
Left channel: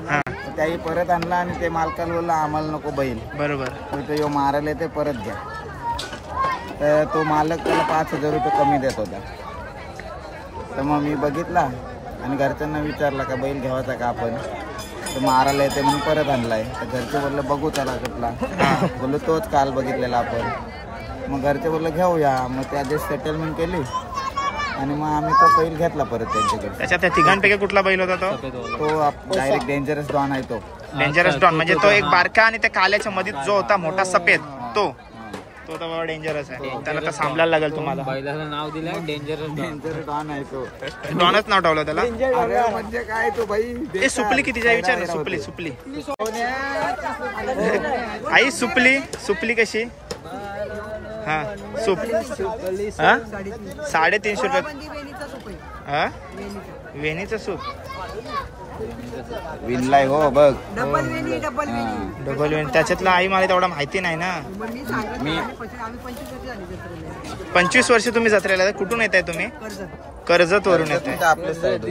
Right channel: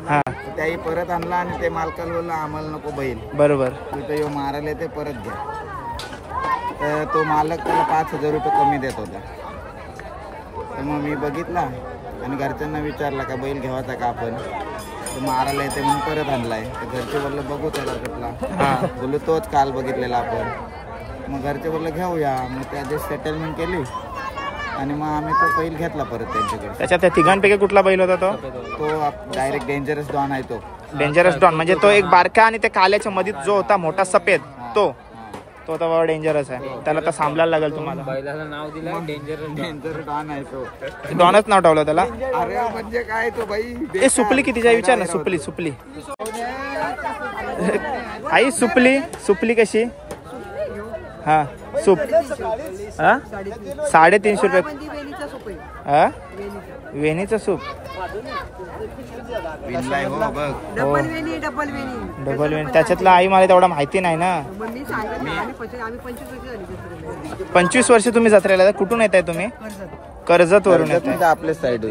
हा. त्याही परत आणला आणि ते मालकाला बोलला आम्हाला नको बैल. बरोबर. तो यो मारायला ते परत घ्या. तर तो मालक त्याला 5000 रुपये कमी देत होता. तर मग मी बघितला आणि घरच्यांना विचारला का बैल घ्यावाचा का आपण? तो मारायला येते म्हणून परत आणलाय. तर घरचे बोलले बघू त्याला कुठला. बोललो तोच काल बघितलेला आपण. मग घरचे बोलले घेऊया. मग त्याची सेटलमेंट केली आणि मग आम्ही तो बैल घेतला परत त्यांच्याकडे. त्याच्यात त्या तिघांपैकी कुठला बैल होता तो? तो डायरेक्ट डेंजरस डॉन आहे. तो डेंजरस डॉन म्हणजे तो एक बारका आणि त्या काल्याच्या मध्ये जो होता मोठा सफेद तो तर बाबा डेंजरस आहे. त्याला तर सांभाळायला लागेल तुम्हाला. नाव दिलं डेंजर डॉन आहे तो. डॉनच नाव ठेवलं त्याला. अरे म्हणजे काय तो बाई. ते सुपली कितीच्या विचार ना? सुपली सुपली आई सुपली सुपली कशी? हा सूप हा 350 रुपये. हा वेणीचा सूप विनलाय हो बघ. डबल वेणी. त्याच्यातला आई मला तेवढा माहिती नाही ना. 25 वर्ष तुम्ही जत्रेला. कुठून येत आहे तुम्ही? कर्जत वरून येत आहे. आपल्या साईड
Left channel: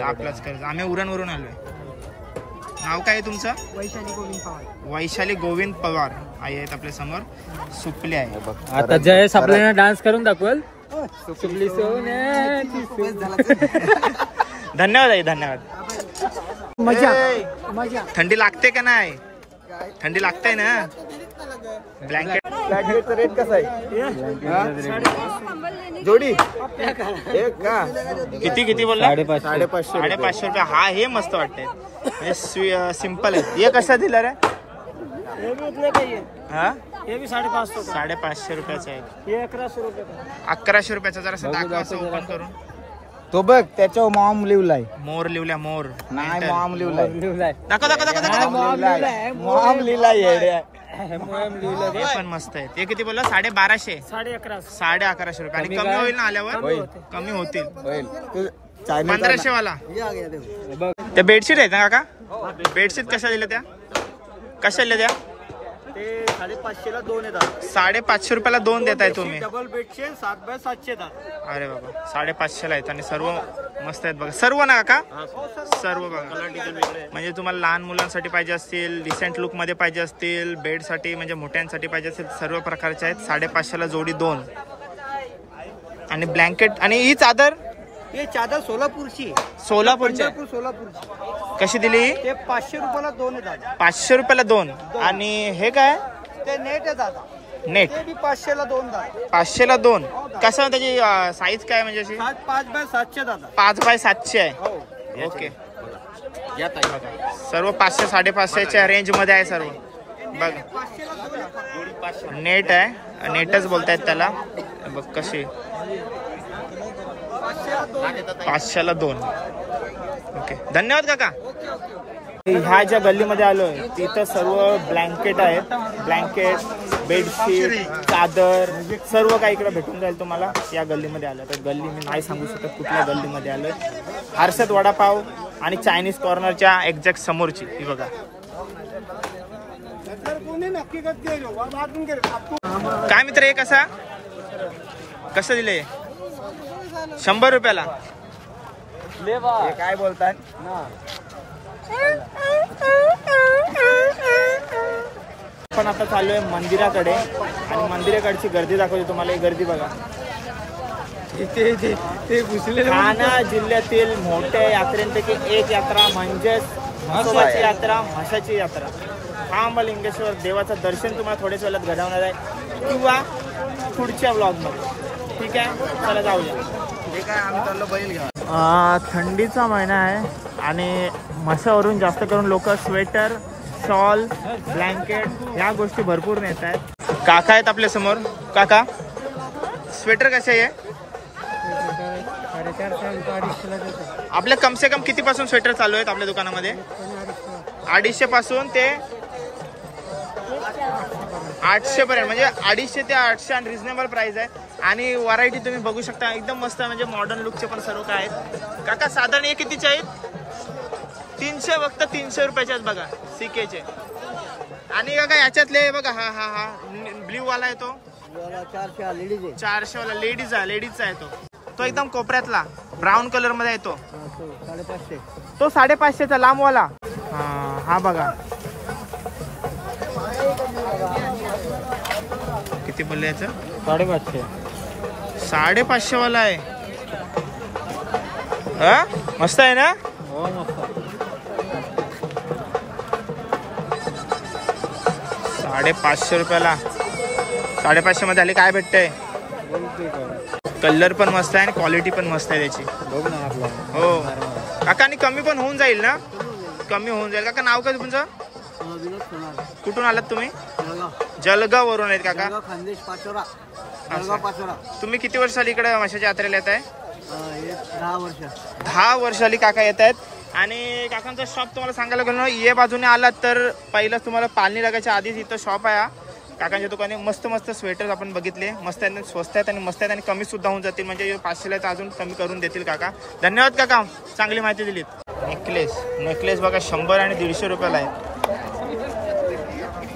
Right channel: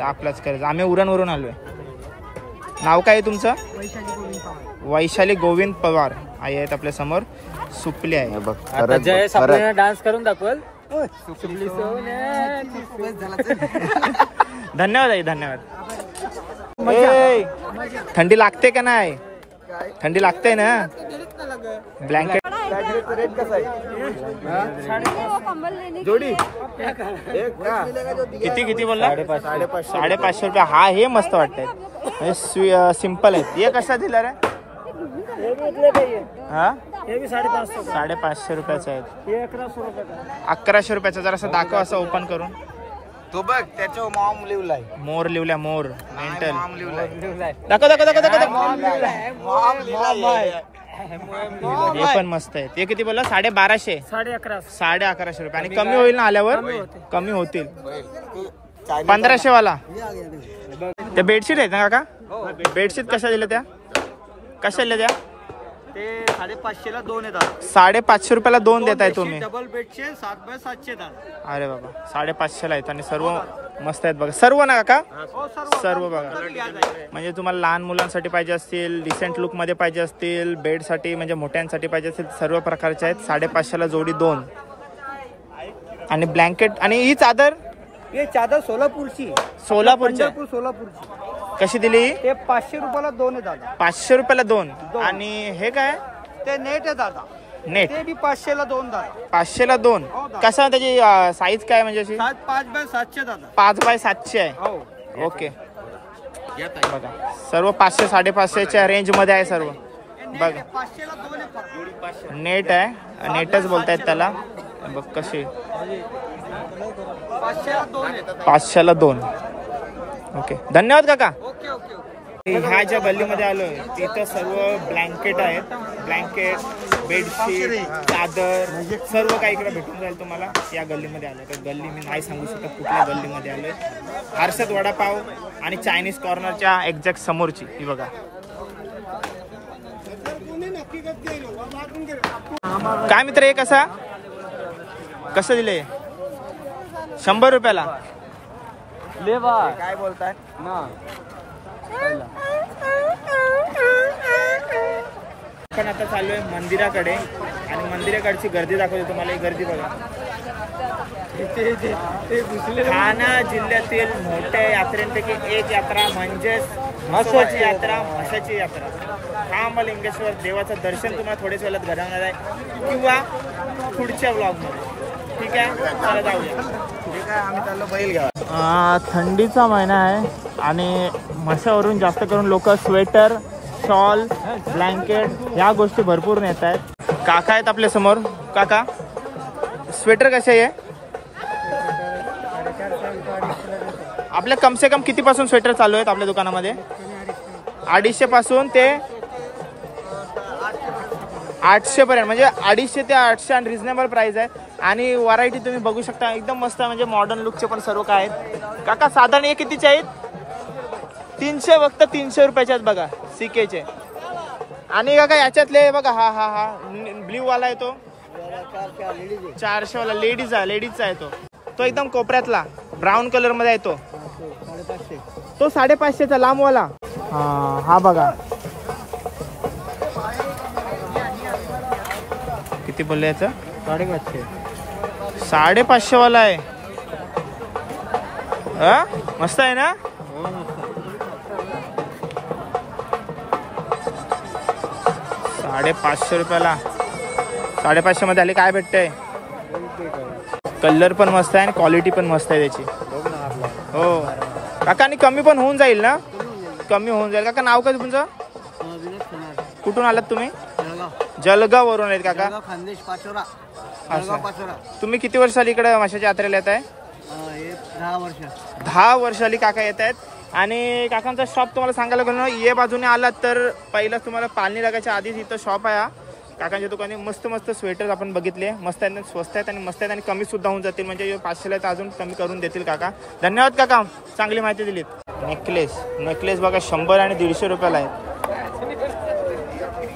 आपलाच कर्ज. आम्ही उरण वरून आलोय. नाव काय आहे तुमचं? वैशाली गोविंद पवार. आई आहेत आपल्या समोर. सुपली आहे बघ. जयेश आपल्याला डान्स करून दाखवेल. धन्यवाद आई, धन्यवाद. थंडी लागते का नाही? थंडी लागते ना? ब्लँकेट रेट कसा आहे जोडी? किती बोलला? 550 रुपये. हा हे मस्त वाटतंय म्हणजे सिंपल आहे. हे कसा दिला रे? हा हे भी 550. 550 रुपयाचा आहे. 1100 रुपये. 1100 रुपयाचा. जरा असं दाखव असं ओपन करून. तो बघ त्याच्यावर मॉम लिवलाय. मोर लिवल्या. मोर मेंटल. मॉम लिवलाय. दाखव दाखव दाखव दाखव. मॉम लिवलाय. हे पण मस्त आहे. ते किती बोलला? 1250. 1150 रुपये. आणि कमी होईल ना आल्यावर? कमी होतील. 1500 वाला. त्या बेडशीट आहेत ना काका? बेडशीट कशा दिल्या त्या? कशा दिल्या त्या? ते 550 ला 2 येतात. 550 रुपयाला 2 देताय तुम्ही? डबल बेडचे 7x700 येतात. अरे बाबा 550 ला आहेत आणि सर्व मस्त आहेत बघा. सर्व ना काका? सर्व बघा. म्हणजे तुम्हाला लहान मुलांसाठी पाहिजे असतील, डिसेंट लुक मध्ये पाहिजे असतील, बेड साठी म्हणजे मोठ्यांसाठी पाहिजे असतील, सर्व प्रकारचे आहेत. 550 ला जोडी 2. आणि ब्लँकेट. आणि ही चादर? हे चादर सोलापूरची. सोलापूरची. कशी दिली? ते 500 रुपयाला 2 येतात. 500 रुपयाला 2. आणि हे काय? ते नेट आहे दादा. नेट. ते बी 500 ला 2 दादा. 500 ला 2. कसं त्याची साईज काय म्हणजे अशी? 5x700 दादा. 5x700 आहे. ओके. बघा सर्व 500 550च्या रेंज मध्ये आहे सर्व. बघा 500 ला 2 येतात. नेट आहे. नेटच बोलतायत त्याला. बघ कशी 500 ला 2. ओके, धन्यवाद काका. ह्या ज्या गल्लीमध्ये आलोय तिथं सर्व ब्लँकेट आहेत. ब्लँकेट, बेडशीट, चादर सर्व काही इकडे भेटून जाईल तुम्हाला या गल्लीमध्ये आलं तर. गल्ली मी नाही सांगू शकत कुठल्या गल्लीमध्ये आलोय. हर्षद वडापाव आणि चायनीज कॉर्नरच्या एक्झॅक्ट समोरची ही बघा. काय मित्र हे कसं दिले? 100 रुपयाला. काय बोलतात? आपण आता चाललोय मंदिराकडे आणि मंदिराकडची गर्दी दाखवते तुम्हाला. ही गर्दी बघा. ठाणा जिल्ह्यातील मोठ्या यात्रेपैकी एक यात्रा म्हणजेच म्हसोबाची यात्रा, म्हसाची यात्रा. महामलिंगेश्वर देवाचं दर्शन तुम्हाला थोड्याच वेळात घडवणार आहे किंवा पुढच्या ब्लॉगमध्ये. ठीक आहे, चला जाऊया. ठीक आहे, आम्ही चाललो बैल घ्या. थंडीचा महिना आहे आणि म्हसावरून जास्त करून लोक स्वेटर, शॉल, ब्लँकेट ह्या गोष्टी भरपूर नेत आहेत. काका आहेत आपल्या समोर. काका, स्वेटर कसे आहे आपल्या? कम से कम किती पासून स्वेटर चालू आहेत आपल्या दुकानामध्ये? 250 पासून ते 800 पर्यंत, म्हणजे 250 ते 800 आणि रिझनेबल प्राइस आहे. आणि व्हरायटी तुम्ही बघू शकता, एकदम मस्त, म्हणजे मॉडर्न लुकचे पण सर्व काय आहेत. काका साधारण हे कितीचे आहेत? 300, फक्त 300 रुपयाचे आहेत बघा, सीकेचे. आणि काका याच्यातले बघा, हा हा हा ब्ल्यू वाला आहे तो 400 वाला, लेडीजचा आहे तो एकदम कोपऱ्यातला ब्राऊन कलर मध्ये आहे तो 550. तो 550चा लांबवाला. हा बघा किती बोलले याचं? 550. 550 वाला आहे. मस्त आहे ना? हो मस्त. 550 रुपयाला. 550 मध्ये आले काय भेटतंय? कलर पण मस्त आहे आणि क्वालिटी पण मस्त आहे त्याची. हो काका, आणि कमी पण होऊन जाईल ना? कमी होऊन जाईल. काका नाव काय तुमचं? विनोद सोनार. कुठून आलात तुम्ही? जळगाव. जळगाव वरून आहेत काका? खानदेश पाचोरा. जळगाव पाचोरा. तुम्ही किती वर्ष आली इकडे म्हशाच्या यात्रेला येत आहे? 10 वर्ष. 10 वर्ष आली काका येत आहेत. आणि काकांचा शॉप तुम्हाला सांगायला गेलो ना, ये बाजूने आलात तर पहिलाच तुम्हाला पालनी लागायच्या आधीच इथं शॉप आहे. काकांच्या दुकाने मस्त मस्त स्वेटर्स आपण बघितले, मस्त आहेत, स्वस्त आहेत आणि मस्त आहेत आणि कमी सुद्धा होऊन जातील. म्हणजे 500ला तर अजून कमी करून देतील काका. धन्यवाद काका, चांगली माहिती दिलीत. नेकलेस बघा 100 आणि 150 रुपयाला आहेत.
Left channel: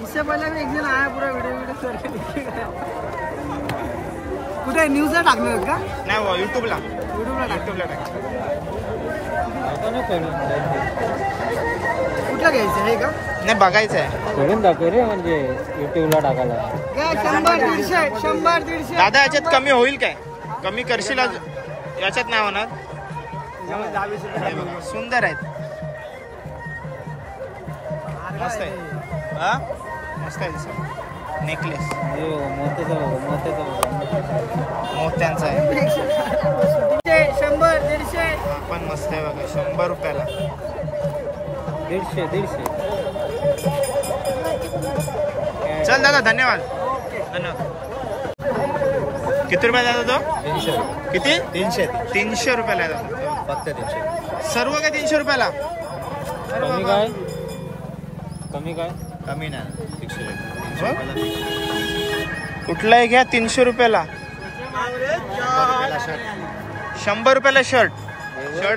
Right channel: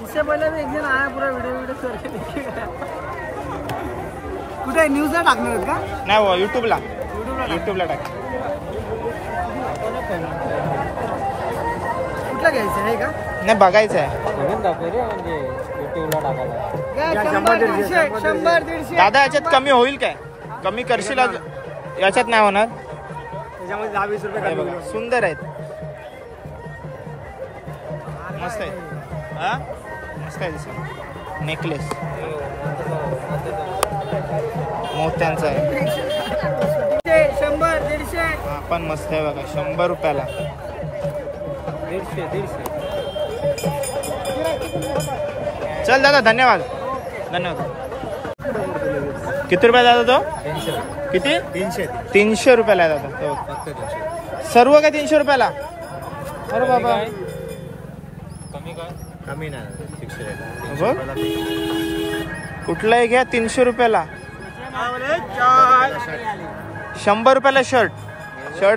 इससे पहले भी एक दिन आया, पूरा वीडियो करके देखिएगा. कुठे न्यूजला टाकणार आहेत का? नाही, युट्यूबला टाका. कुठला घ्यायचं आहे का? नाही, बघायचं आहे. म्हणजे युट्यूबला टाकायला. 100-150. दादा याच्यात कमी होईल काय? कमी करशील? याच्यात नाही होणार. सुंदर आहेत, मस्त आहे. मस्त आहे दिसत. नेकलेस मोत्यांचा आहे. 100-150. हा पण मस्त आहे बघा, 100 रुपयाला. 150. चल दादा, धन्यवाद. किती रुपये दादा तो? 300. किती? 300 रुपयाला आहे दादा. फक्त 300. सर्व काय 300 रुपयाला? अरे बाबा, कमी नाही, फिक्स रेट आहे. 300 हो? रुपयाला फिक्स. कुठलाही घ्या 300 रुपयाला. 100 रुपयाला शर्ट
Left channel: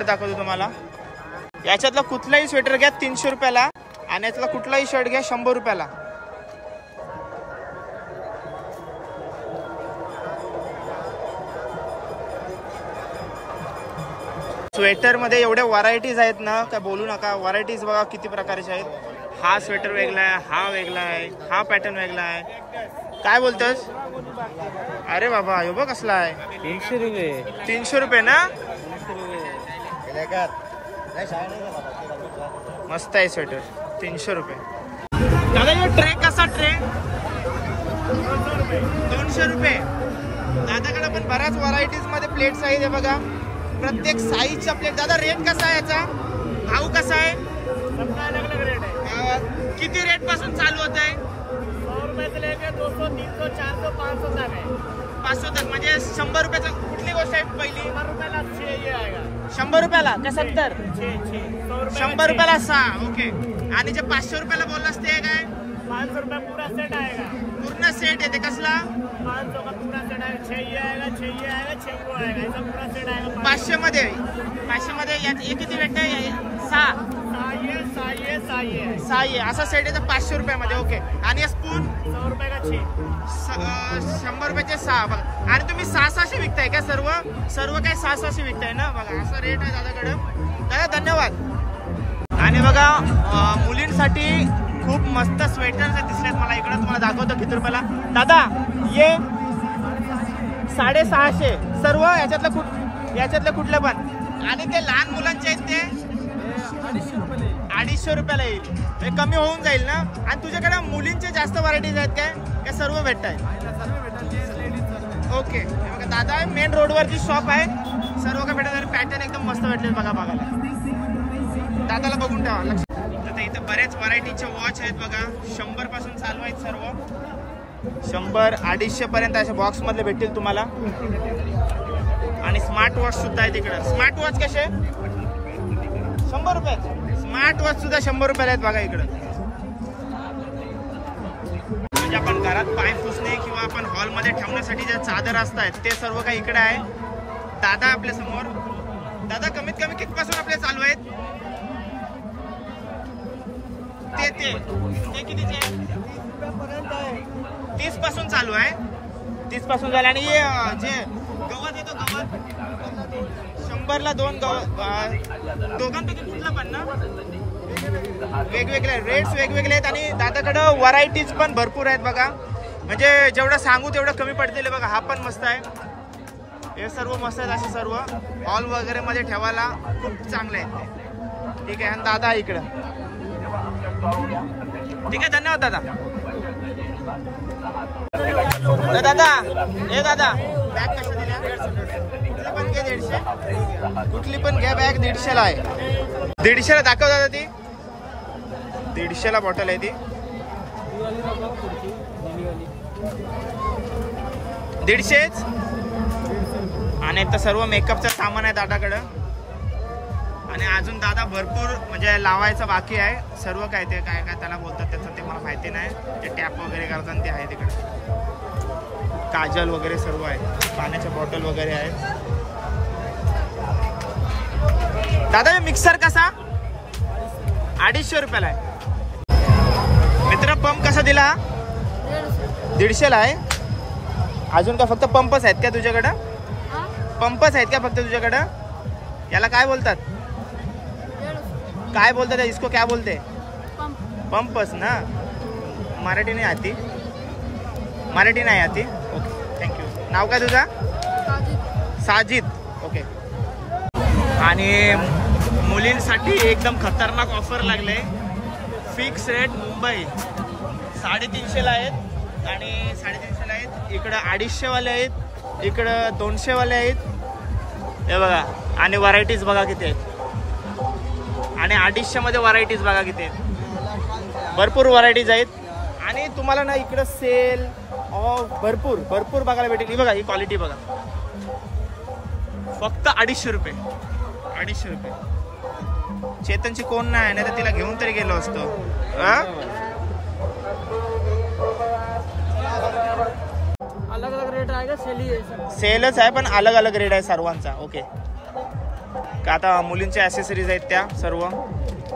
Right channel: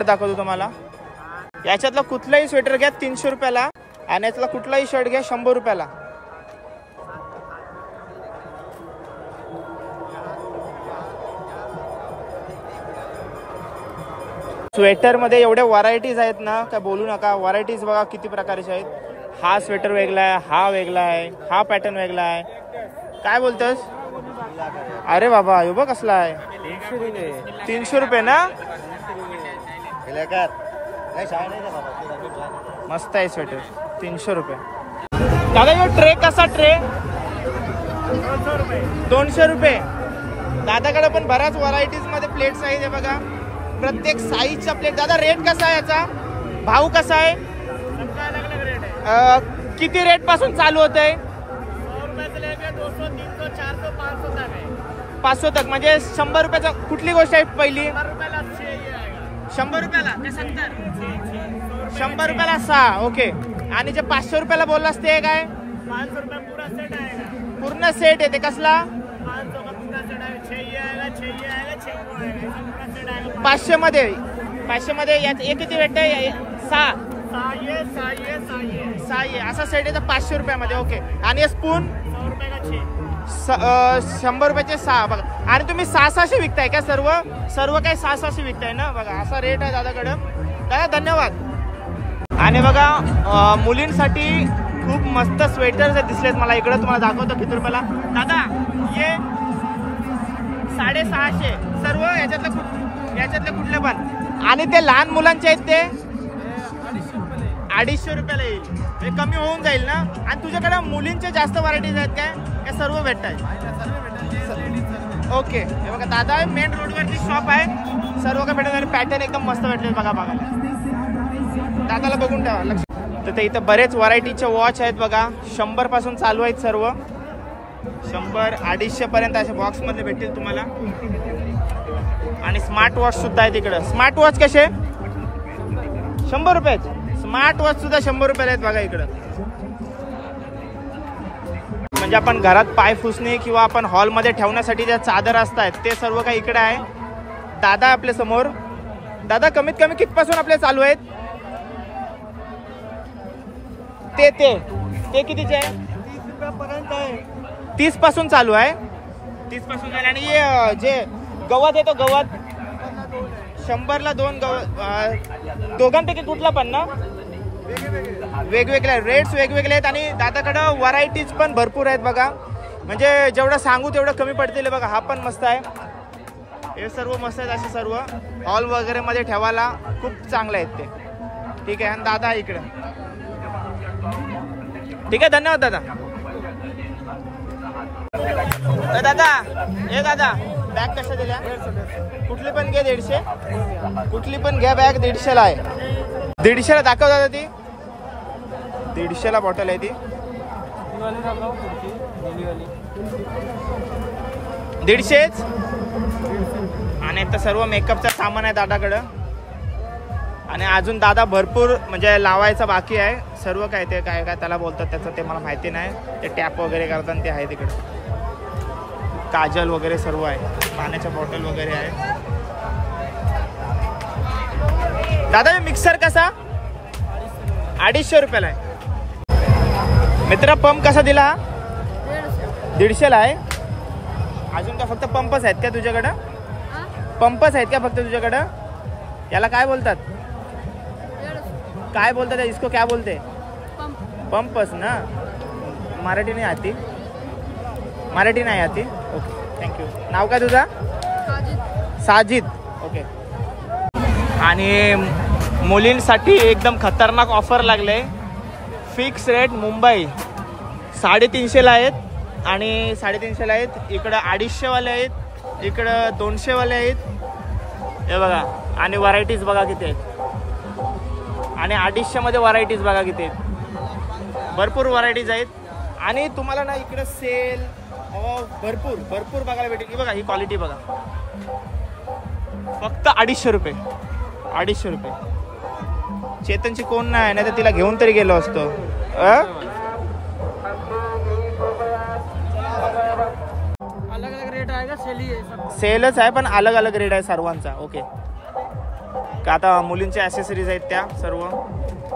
दाखवतो तुम्हाला. याच्यातला कुठलाही स्वेटर घ्या 300 रुपयाला आणि यातला कुठलाही शर्ट घ्या 100 रुपयाला. स्वेटर मध्ये एवढ्या व्हरायटीज आहेत ना, काय बोलू नका. व्हरायटीज बघा किती प्रकारचे आहेत. हा स्वेटर वेगळा आहे, हा वेगळा आहे, हा पॅटर्न वेगळा आहे. काय बोलतोस? अरे बाबा, यो बघ कसला आहे. 300 रुपये ना? मस्त आहे स्वेटर, 300 रुपये. दादा ये ट्रे कसा? ट्रे 200 रुपये. दादाकडे पण बऱ्याच व्हरायटीज मध्ये प्लेट्स आहेत. हे बघा, प्रत्येक साईजचा प्लेट. दादा रेट कसा आहे याचा? भाव कसा आहे? अलग अलग रेट आहे. किती रेट पासून चालू होत आहे? 100 रुपये से लेके 200, 300, 400, 500 तक आहे. 500 तक. म्हणजे 100 रुपयाचा कुठली गोष्ट आहे पहिली? 100 रुपयाला 100 रुपयाला का 70? 100 रुपयाला 6. ओके. आणि जे 500 रुपयाला बोललास ते काय? 500 रुपये पूरा सेट आएगा. पूर्ण सेट येते. कसला? 500 का पूरा सेट आएगा. 6 ये आएगा, 6 ये आएगा, 6 वो आएगा. इसका पूरा सेट आएगा. 500 मध्ये. 500 मध्ये हे किती भेटतंय? 6. 6 ये असा सेट येतं 500 रुपयामध्ये. ओके. आणि स्पून 100 रुपये का 6. 100 रुपयाचे 6. बघा, आणि तुम्ही 600 विकताय का? सर्व काय 600 विकताय ना? बघा, असा रेट आहे दादाकडे. दादा धन्यवाद. आणि बघा, मुलींसाठी खूप मस्त स्वेटर्स दिसलेत मला इकडे. तुम्हाला दाखवतो किती रुपयाला. दादा ये 650 सर्व याच्यातले कुठले पण. आणि ते लहान मुलांचे आहेत ते 250 रुपयाला येईल. हे कमी होऊन जाईल ना. आणि तुझ्याकडे मुलींचे जास्त व्हरायटीज आहेत काय सर्व भेटत आहेत? ओके. हे बघा दादा मेन रोडवरती शॉप आहे, सर्व काय भेटत. आणि पॅटर्न एकदम मस्त भेटले बघा बघायला. दादाला बघून ठेवा लक्ष. तर इथं बरेच व्हरायटीचे वॉच आहेत बघा. 100 पासून चालू आहेत सर्व. 100, 250 पर्यंत अशा बॉक्स मधले भेटतील तुम्हाला. आणि स्मार्ट वॉच सुद्धा आहे तिकडं. स्मार्ट वॉच कसे 100 रुपये. स्मार्ट वॉच सुद्धा 100 रुपयाला आहेत बघा इकडं. म्हणजे आपण घरात पाय पुसणे किंवा आपण हॉलमध्ये ठेवण्यासाठी ज्या चादर असतात ते सर्व काही इकडे आहे. दादा आपल्या समोर. दादा कमीत कमी कितपासून आपले चालू आहेत? ते कितीचे आहे? 30 पासून चालू आहे. 30 पासून झाले. आणि जे गवत आहे तो गवत 100ला 2 गवत. दोघांपैकी कुठला पण ना वेगवेगळे रेट्स वेगवेगळे आहेत. आणि दादाकडं व्हरायटीज पण भरपूर आहेत बघा. म्हणजे जेवढं सांगू तेवढं कमी पडतील बघा. हा पण मस्त आहे. हे सर्व मस्त आहेत असे सर्व. हॉल वगैरे मध्ये ठेवायला खूप चांगले आहेत ते. ठीक आहे. आणि दादा इकडं. ठीक आहे. धन्यवाद दादा. दादा बॅग कशा दिल्या? कुठली पण घ्या 150. कुठली पण घ्या बॅग 150ला आहे. 150ला दाखव दादा. ती 150ला बॉटल आहे ती. 150. आणि आता सर्व मेकअपचं सामान आहे दादाकडं. आणि अजून दादा भरपूर म्हणजे लावायचं बाकी आहे. सर्व काय ते काय त्याला बोलतात त्याचं ते मला माहिती नाही. ते टॅप वगैरे करतात ते आहे तिकडे. काजल वगैरे सर्व आहे. पाण्याच्या बॉटल वगैरे आहेत. दादा मिक्सर कसा 250 रुपयाला आहे. मित्रा पंप कसा दिला? 150ला आहे. अजून का फक्त पंपच आहेत का तुझ्याकडं? पंपच आहेत का फक्त तुझ्याकडं? याला काय बोलतात? काय बोलतात इसको? क्या बोलते? पंपच ना. मराठी नाही आती? मराठी नाही आती. Okay thank you. नाव काय तुझा? साजिद. ओके. आणि मुलींसाठी एकदम खतरनाक ऑफर लागले. फिक्स रेट मुंबई 350ला आहेत. आणि 350ला आहेत. इकडं 250 वाले आहेत. इकडं 200 वाले आहेत. हे बघा. आणि व्हरायटीज बघा किती आहेत. आणि 250 मध्ये व्हरायटीज बघा किती आहेत. भरपूर व्हरायटीज आहेत. आणि तुम्हाला ना इकडं सेल भरपूर बघायला भेटेल. बघा ही क्वालिटी बघा. फक्त 250 रुपये. 250 रुपये. चेतनची कोण नाही तर तिला घेऊन तरी गेलो असतो. अलग अलग रेट आहे का? सेलच आहे पण अलग अलग रेट आहे सर्वांचा. ओके. का आता मुलींच्या ॲसेसरीज आहेत त्या सर्व.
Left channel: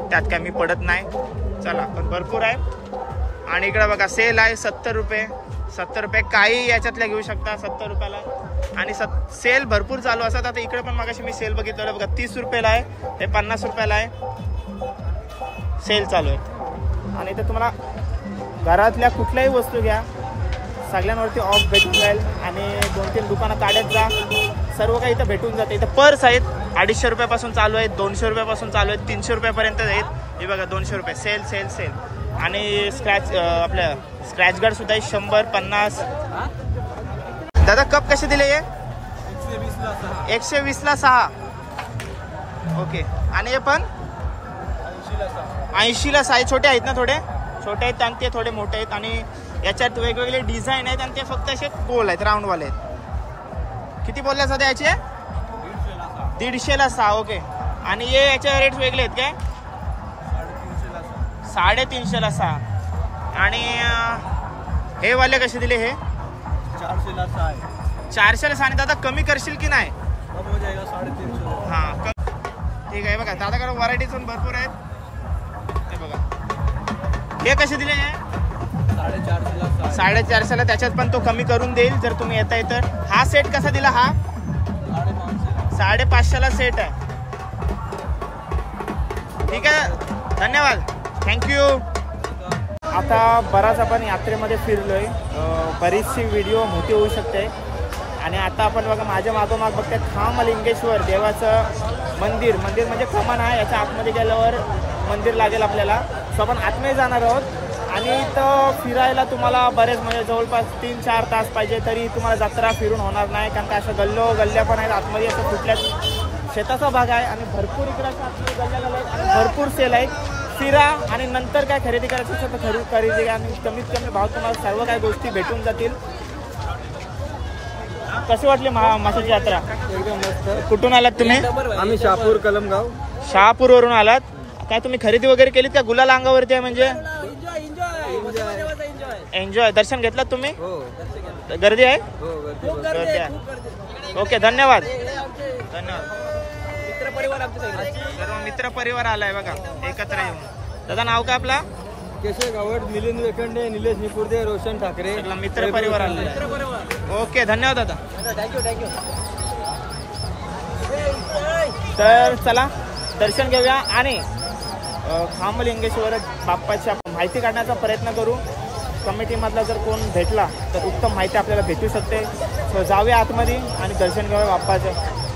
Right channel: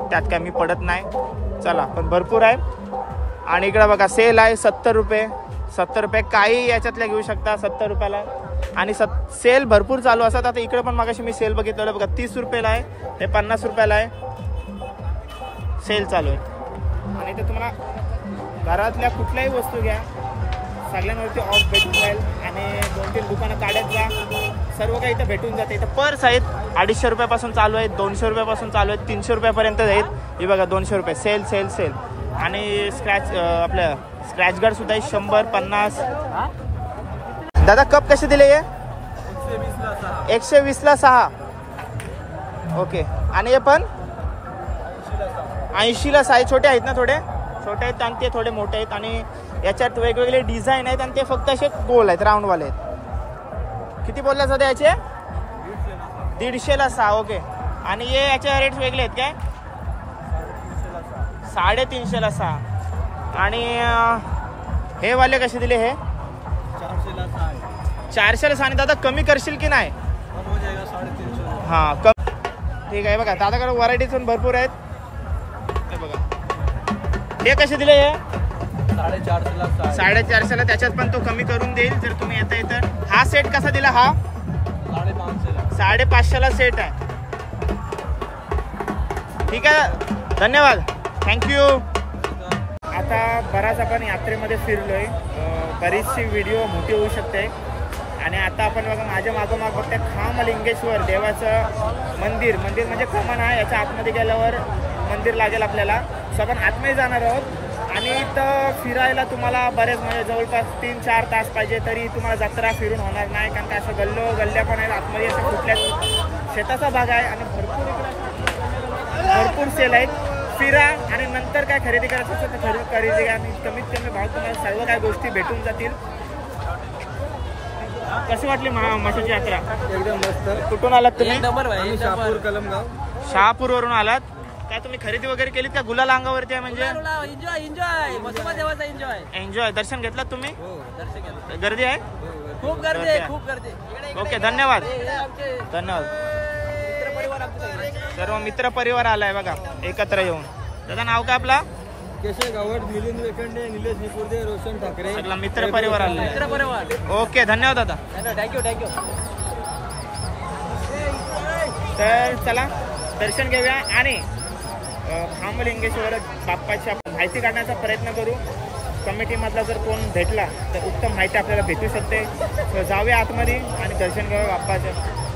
त्यात काय मी पडत नाही. चला पण भरपूर आहे. आणि इकडे बघा सेल आहे 70 रुपये. 70 रुपये काही याच्यातल्या घेऊ शकता 70 रुपयाला. आणि सेल भरपूर चालू असतात. आता इकडे पण मागाशी मी सेल बघितलं बघा 30 रुपयाला आहे. हे 50 रुपयाला आहे. सेल चालू आहे. आणि इथे तुम्हाला घरातल्या कुठल्याही वस्तू घ्या सगळ्यांवरती ऑफ भेटून जाईल. आणि 2-3 दुकानं काढत जा. सर्व काही इथं भेटून जाते. इथं पर्स आहेत 250 रुपयापासून चालू आहेत. 200 रुपयापासून चालू आहेत. 300 रुपयापर्यंत आहेत. हे बघा 200 रुपये. Sale sale sale. आणि आपल्या स्क्रॅच गार्ड सुद्धा आहे 100, 50. दादा कप कसे दिले? हे 120ला 6. ओके. आणि हे पण 80ला 6. छोटे आहेत ना? थोडे छोटे आहेत आणि ते थोडे मोठे आहेत. आणि याच्यात वेगवेगळे डिझाईन आहेत. आणि ते फक्त असे गोल आहेत राऊंडवाले आहेत. किती बोलला सध्या याचे? 150ला 6. ओके. आणि हे याचे रेट्स वेगळे आहेत काय? 350ला 6. आणि हे वाले कसे दिले? हे 400ला 6. 400ला 6. आणि दादा कमी करशील की नाही? कम हो जाएगा 350. हां कम. ठीक आहे. बघा दादाकडे व्हरायटीज पण भरपूर आहेत. हे बघा हे कसे दिले? हे 450ला 6. 450ला. त्याच्यात पण तो कमी करून देईल जर तुम्ही येता तर. हा सेट कसा दिला? हा 550ला सेट आहे. ठीक आहे. धन्यवाद. थँक्यू. आता बराच आपण यात्रेमध्ये फिरलोय. बरीचशी व्हिडिओ मोठी होऊ शकते. आणि आता आपण बघा माझ्या मागोमाग बघताय खामलिंगेश्वर देवाचं मंदिर म्हणजे कमान आहे. याच्या आतमध्ये गेल्यावर मंदिर लागेल आपल्याला. सो आपण आतमध्ये जाणार आहोत आणि इथं फिरायला तुम्हाला बरेच म्हणजे जवळपास 3-4 तास पाहिजे तरी तुम्हाला जत्रा फिरून होणार नाही. कारण का अशा गल्ल्या पण आहेत आतमध्ये. असं कुठल्याच शेताचा भाग आहे आणि भरपूर इकडं असं आतमध्ये गल्ल्या आणि भरपूर सेल आहेत. फिरा आणि नंतर काय खरेदी करायचं असेल तर खरेदी करा आणि कमीत कमी भाव तुम्हाला सर्व काही गोष्टी भेटून जातील. कशी वाटली माशाची यात्रा? एकदम मस्त. कुठून आलात तुम्ही? आम्ही शहापूर कलमगाव. शहापूर वरून आलात काय? तुम्ही खरेदी वगैरे केलीत का? गुलाल अंगावरती आहे म्हणजे एन्जॉय. दर्शन घेतलात तुम्ही? गर्दी आहे? गर्दी आहे. ओके धन्यवाद. सर्व मित्र परिवार आलाय बघा एकत्र येऊन. दादा नाव काय आपला? केशव गावड, मिलिंद वेखंडे, निलेश निपुर्दे, रोशन ठाकरे. सगळा मित्र परिवार आलेला आहे. ओके धन्यवाद दादा. तर चला दर्शन घेऊया आणि खामलिंगेश्वर बाप्पाची माहिती काढण्याचा प्रयत्न करू. कमिटीमधला जर कोण भेटला तर उत्तम माहिती आपल्याला भेटू शकते. जाऊया आतमध्ये आणि दर्शन घेऊया बाप्पाचं.